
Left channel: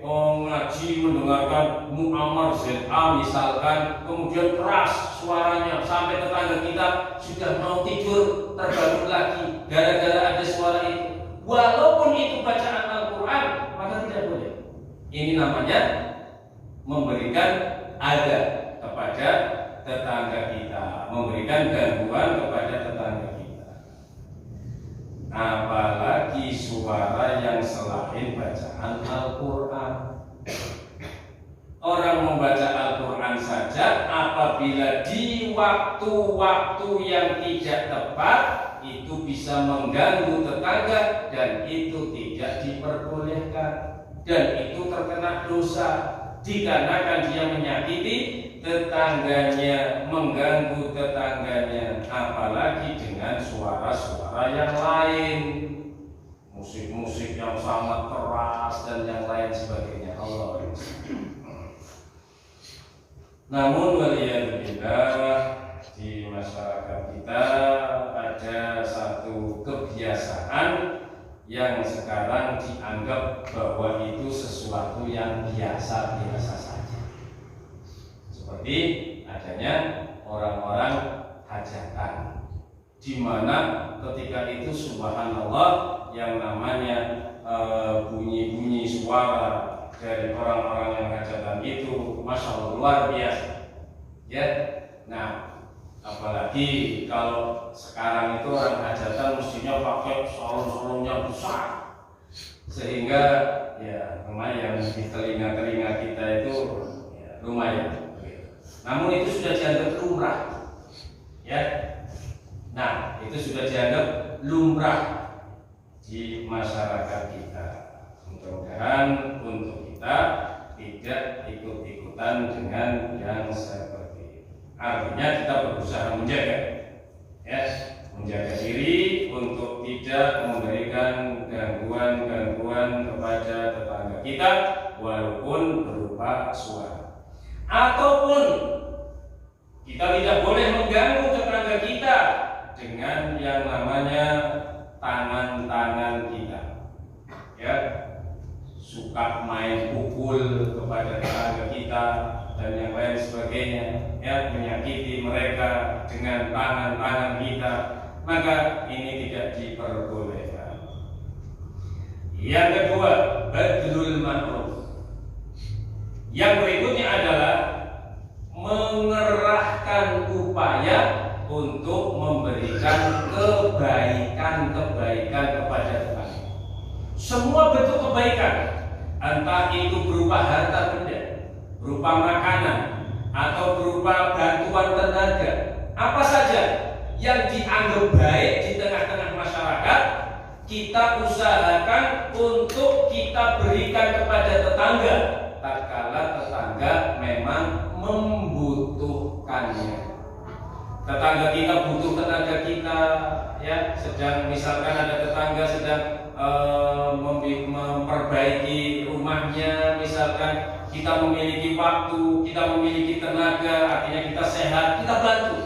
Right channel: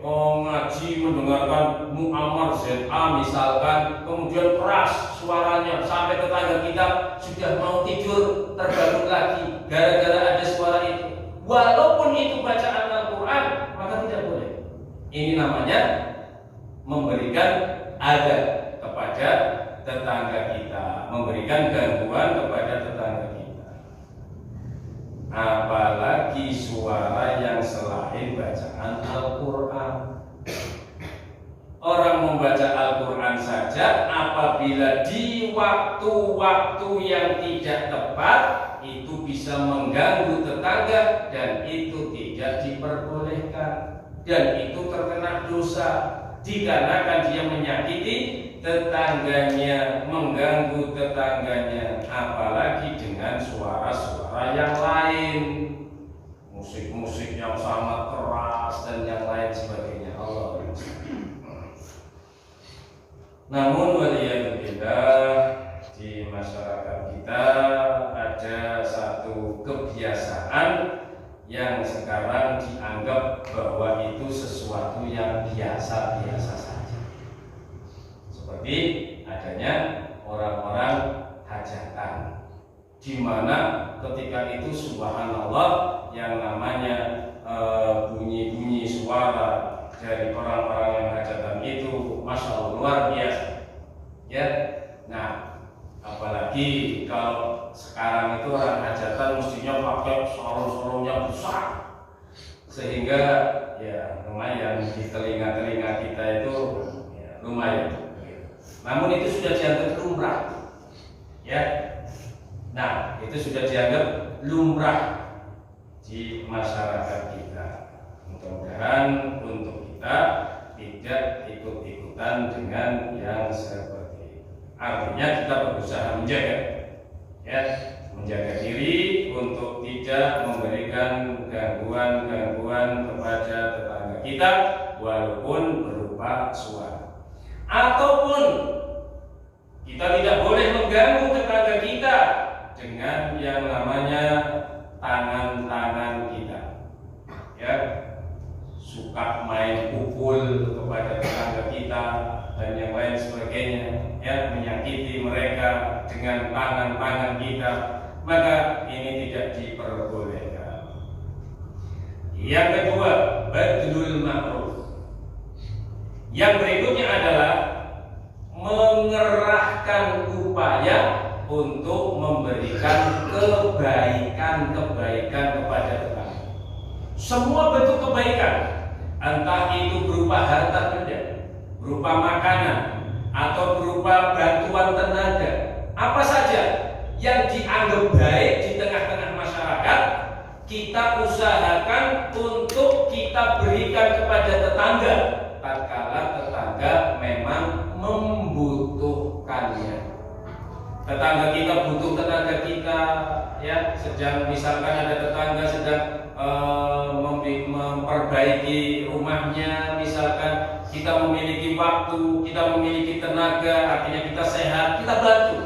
ngaji, mendengarkan Muammar ZA misalkan, kemudian keras suaranya sampai tetangga kita sudah mau tidur terbangun lagi gara-gara ada suara itu. Walaupun itu bacaan Al-Quran, maka tidak boleh. Ini namanya memberikan adab kepada tetangga kita, memberikan gangguan kepada tetangga kita. Apalagi suara yang selain bacaan Al-Quran. Orang membaca Al-Quran saja apabila di waktu-waktu yang tidak tepat itu bisa mengganggu tetangga dan itu tidak diperbolehkan dan itu terkena dosa dikarenakan dia menyakiti tetangganya, mengganggu tetangganya, apalagi dengan suara-suara yang lain, musik-musik yang sangat keras dan yang lain sebagainya. Allah. Namun waliyadzubillah, di masyarakat kita ada satu kebiasaan yang sekarang dianggap bahwa itu sesuatu yang biasa-biasa saja. Seperti adanya orang-orang hajatan, di mana ketika itu subhanallah yang namanya bunyi-bunyi suara dari orang-orang yang hajatan itu masya Allah luar biasa. Ya, nah apalagi kalau sekarang itu orang hajatan mestinya pakai sarung-sarung yang besar, sehingga ya lumayan di telinga-telinga kita itu ya, lumayan. Namun itu sudah dianggap lumrah, ya. Nah itu sudah dianggap lumrah di masyarakat kita. Mudah-mudahan untuk kita tidak ikut-ikutan dengan yang seperti itu. Artinya kita berusaha menjaga, ya, menjaga diri untuk tidak memberikan gangguan-gangguan kepada tetangga kita walaupun berupa suara. Ataupun kita tidak boleh mengganggu tetangga kita dengan yang namanya tangan-tangan kita, ya, suka main pukul kepada tetangga kita dan yang lain sebagainya, ya, menyakiti mereka dengan tangan-tangan kita, maka ini tidak diperbolehkan. Yang kedua, badlul ma'ruf. Yang berikutnya adalah mengerahkan upaya untuk memberikan kebaikan-kebaikan kepada tetangga. Semua bentuk kebaikan, entah itu berupa harta benda, berupa makanan, atau berupa bantuan tenaga, apa saja yang dianggap baik di tengah-tengah masyarakat, kita usahakan untuk kita berikan kepada tetangga tatkala tetangga memang membutuhkannya. Tetangga kita butuh tenaga kita, ya, sedang misalkan ada tetangga sedang memperbaiki rumahnya, misalkan kita memiliki waktu, kita memiliki tenaga, artinya kita sehat, kita bantu.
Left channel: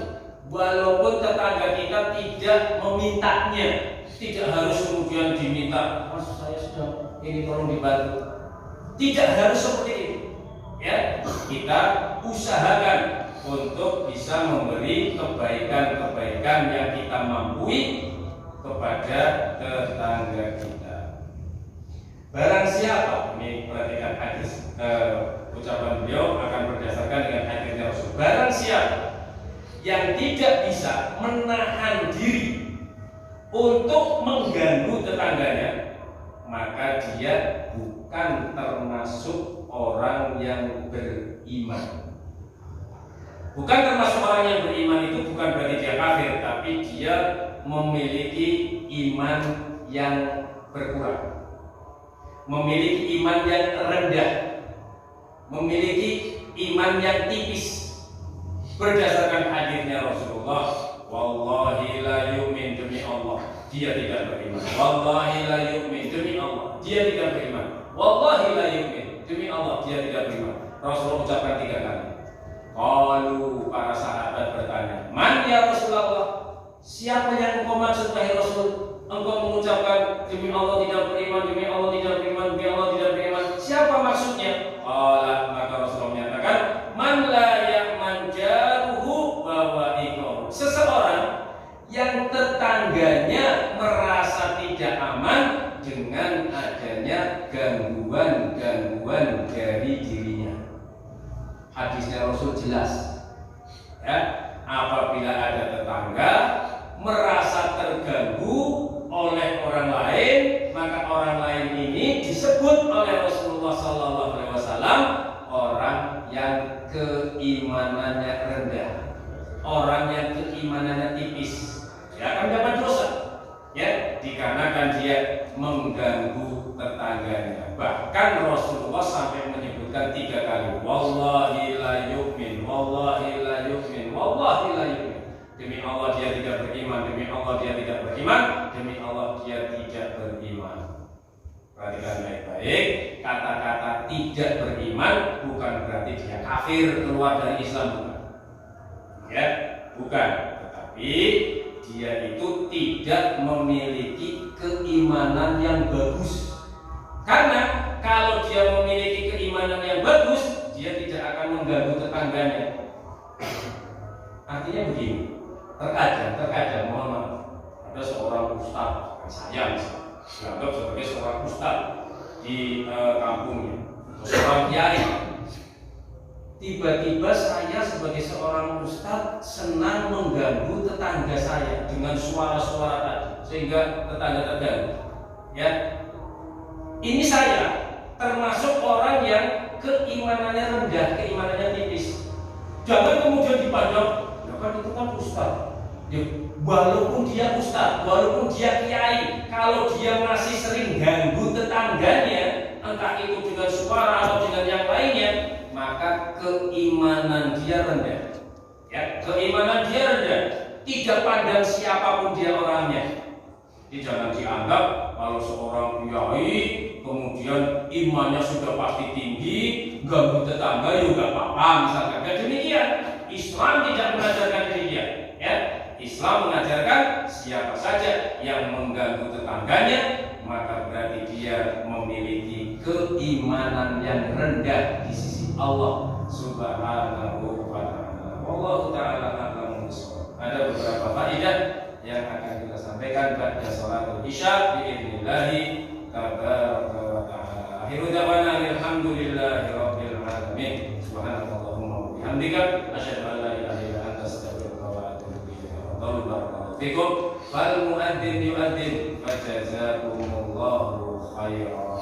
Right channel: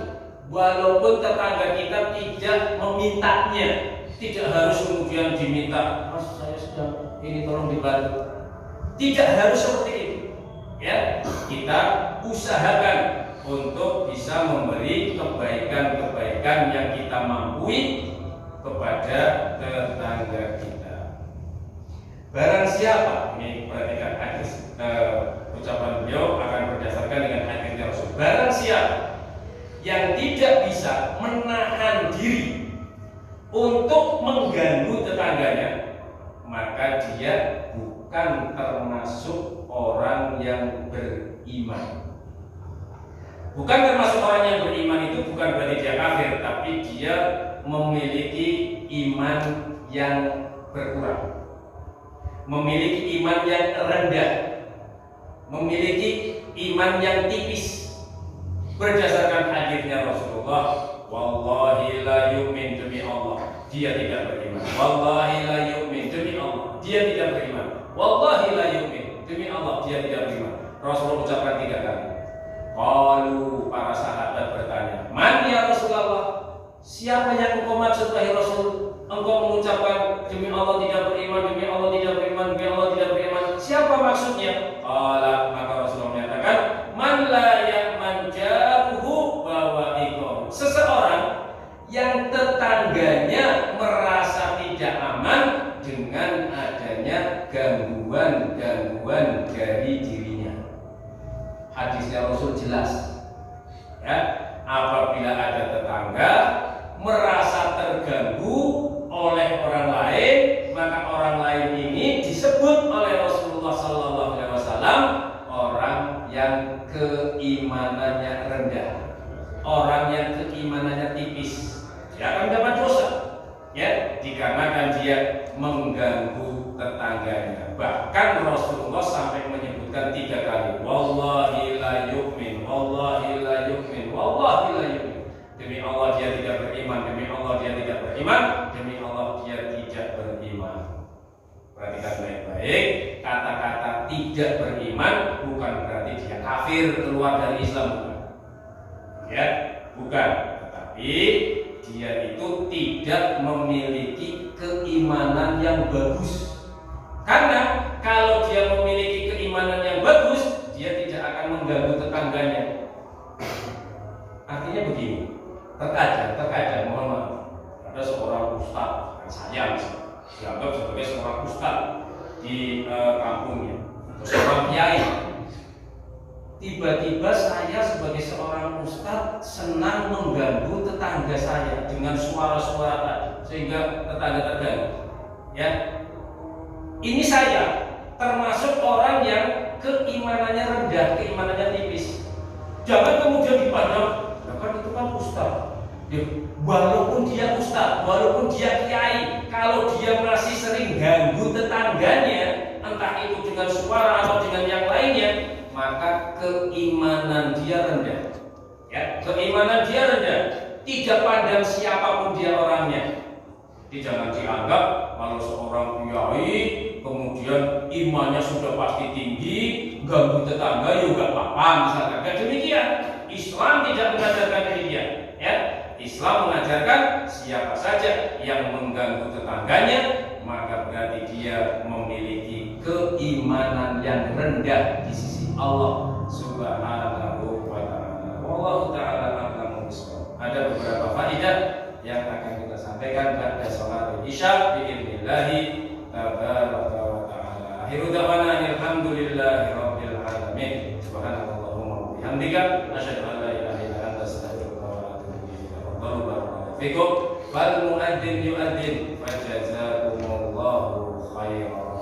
Walaupun tetangga kita tidak memintanya, tidak harus kemudian diminta, Mas saya sudah ini tolong dibantu. Tidak harus seperti itu. Ya, kita usahakan untuk bisa memberi kebaikan-kebaikan yang kita mampu kepada tetangga kita. Barang siapa, ini perhatikan hadis, ucapan beliau akan berdasarkan dengan hadisnya Rasul. Barang siapa yang tidak bisa menahan diri untuk mengganggu tetangganya, maka dia bukan termasuk orang yang beriman. Bukan termasuk orang yang beriman itu bukan berarti dia kafir, tapi dia memiliki iman yang berkurang, memiliki iman yang rendah, memiliki iman yang tipis. Berdasarkan hadisnya Rasulullah, wallahi la yu'min, demi Allah dia tidak beriman. Wallahi la yu'min, demi Allah dia tidak beriman. Wallahi la yu'min, demi Allah dia tidak beriman. Rasulullah ucapkan 3 kali. Qalu, para sahabat bertanya, man ya Rasulullah, siapa yang engkau maksud wahai Rasul? Engkau mengucapkan demi Allah tidak beriman, demi Allah tidak beriman, demi Allah tidak beriman. Siapa maksudnya? Qala, maka Rasulullah menyatakan, man la ya'man jaruhu bawa'iqo. Seseorang yang tetangganya merasa tidak aman dengan adanya gangguan-gangguan dari dirinya. Hadisnya Rasul jelas. Ya, apabila ada tetangga merasa terganggu oleh orang lain, maka orang lain ini disebut oleh Rasulullah SAW orang yang keimanannya rendah, orang yang keimanannya tipis. Dia akan dapat dosa, ya, dikarenakan dia mengganggu tetangganya. Bahkan Rasulullah sampai menyebutkan 3 kali, wallahi la yu'min, wallahi la yu'min, wallahi la yu'min. Demi Allah dia tidak beriman, demi Allah dia tidak beriman, demi Allah dia tidak beriman. Perhatikan baik-baik, kata-kata tidak beriman bukan berarti dia kafir, keluar dari Islam, bukan. Ya, bukan. Tetapi dia itu tidak memiliki keimanan yang bagus. Karena kalau dia memiliki keimanan yang bagus, dia tidak akan mengganggu tetangganya. Artinya begini, terkadang mohon maaf, ada seorang ustaz, saya misalnya dianggap sebagai seorang ustaz di kampungnya, seorang kiai. Tiba-tiba saya sebagai seorang ustaz senang mengganggu tetangga saya dengan suara-suara tadi, sehingga tetangga terganggu. Ya, ini saya termasuk orang yang keimanannya rendah, keimanannya tipis. Jangan kemudian dipandang, ya kan itu kan ustaz. Ya, walaupun dia ustaz, walaupun dia kiai, kalau dia masih sering ganggu tetangganya, entah itu dengan suara atau dengan yang lainnya, maka keimanan dia rendah. Ya, keimanan dia rendah. Tidak pandang siapapun dia orangnya. Jadi jangan dianggap kalau seorang kiai kemudian imannya sudah pasti tinggi, ganggu tetangga juga apa-apa misalkan. Ya demikian. Islam tidak mengajarkan demikian. Ya, Islam mengajarkan siapa saja yang mengganggu tetangganya, maka berarti dia memiliki keimanan yang rendah di sisi Allah Subhanahu wa ta'ala. Wallahu ta'ala a'lamu bishawab. Ada beberapa faedah yang akan kita sampaikan pada salat Isya biidznillah tabaraka wa ta'ala. Akhiru da'wana alhamdulillahi rabbil alamin. Subhanallahumma wa bihamdika asyhadu an la ilaha illa anta astaghfiruka wa atubu ilaik. Barakallahu fikum. Fal muadzin yu'adzin fa jazakumullahu khairan.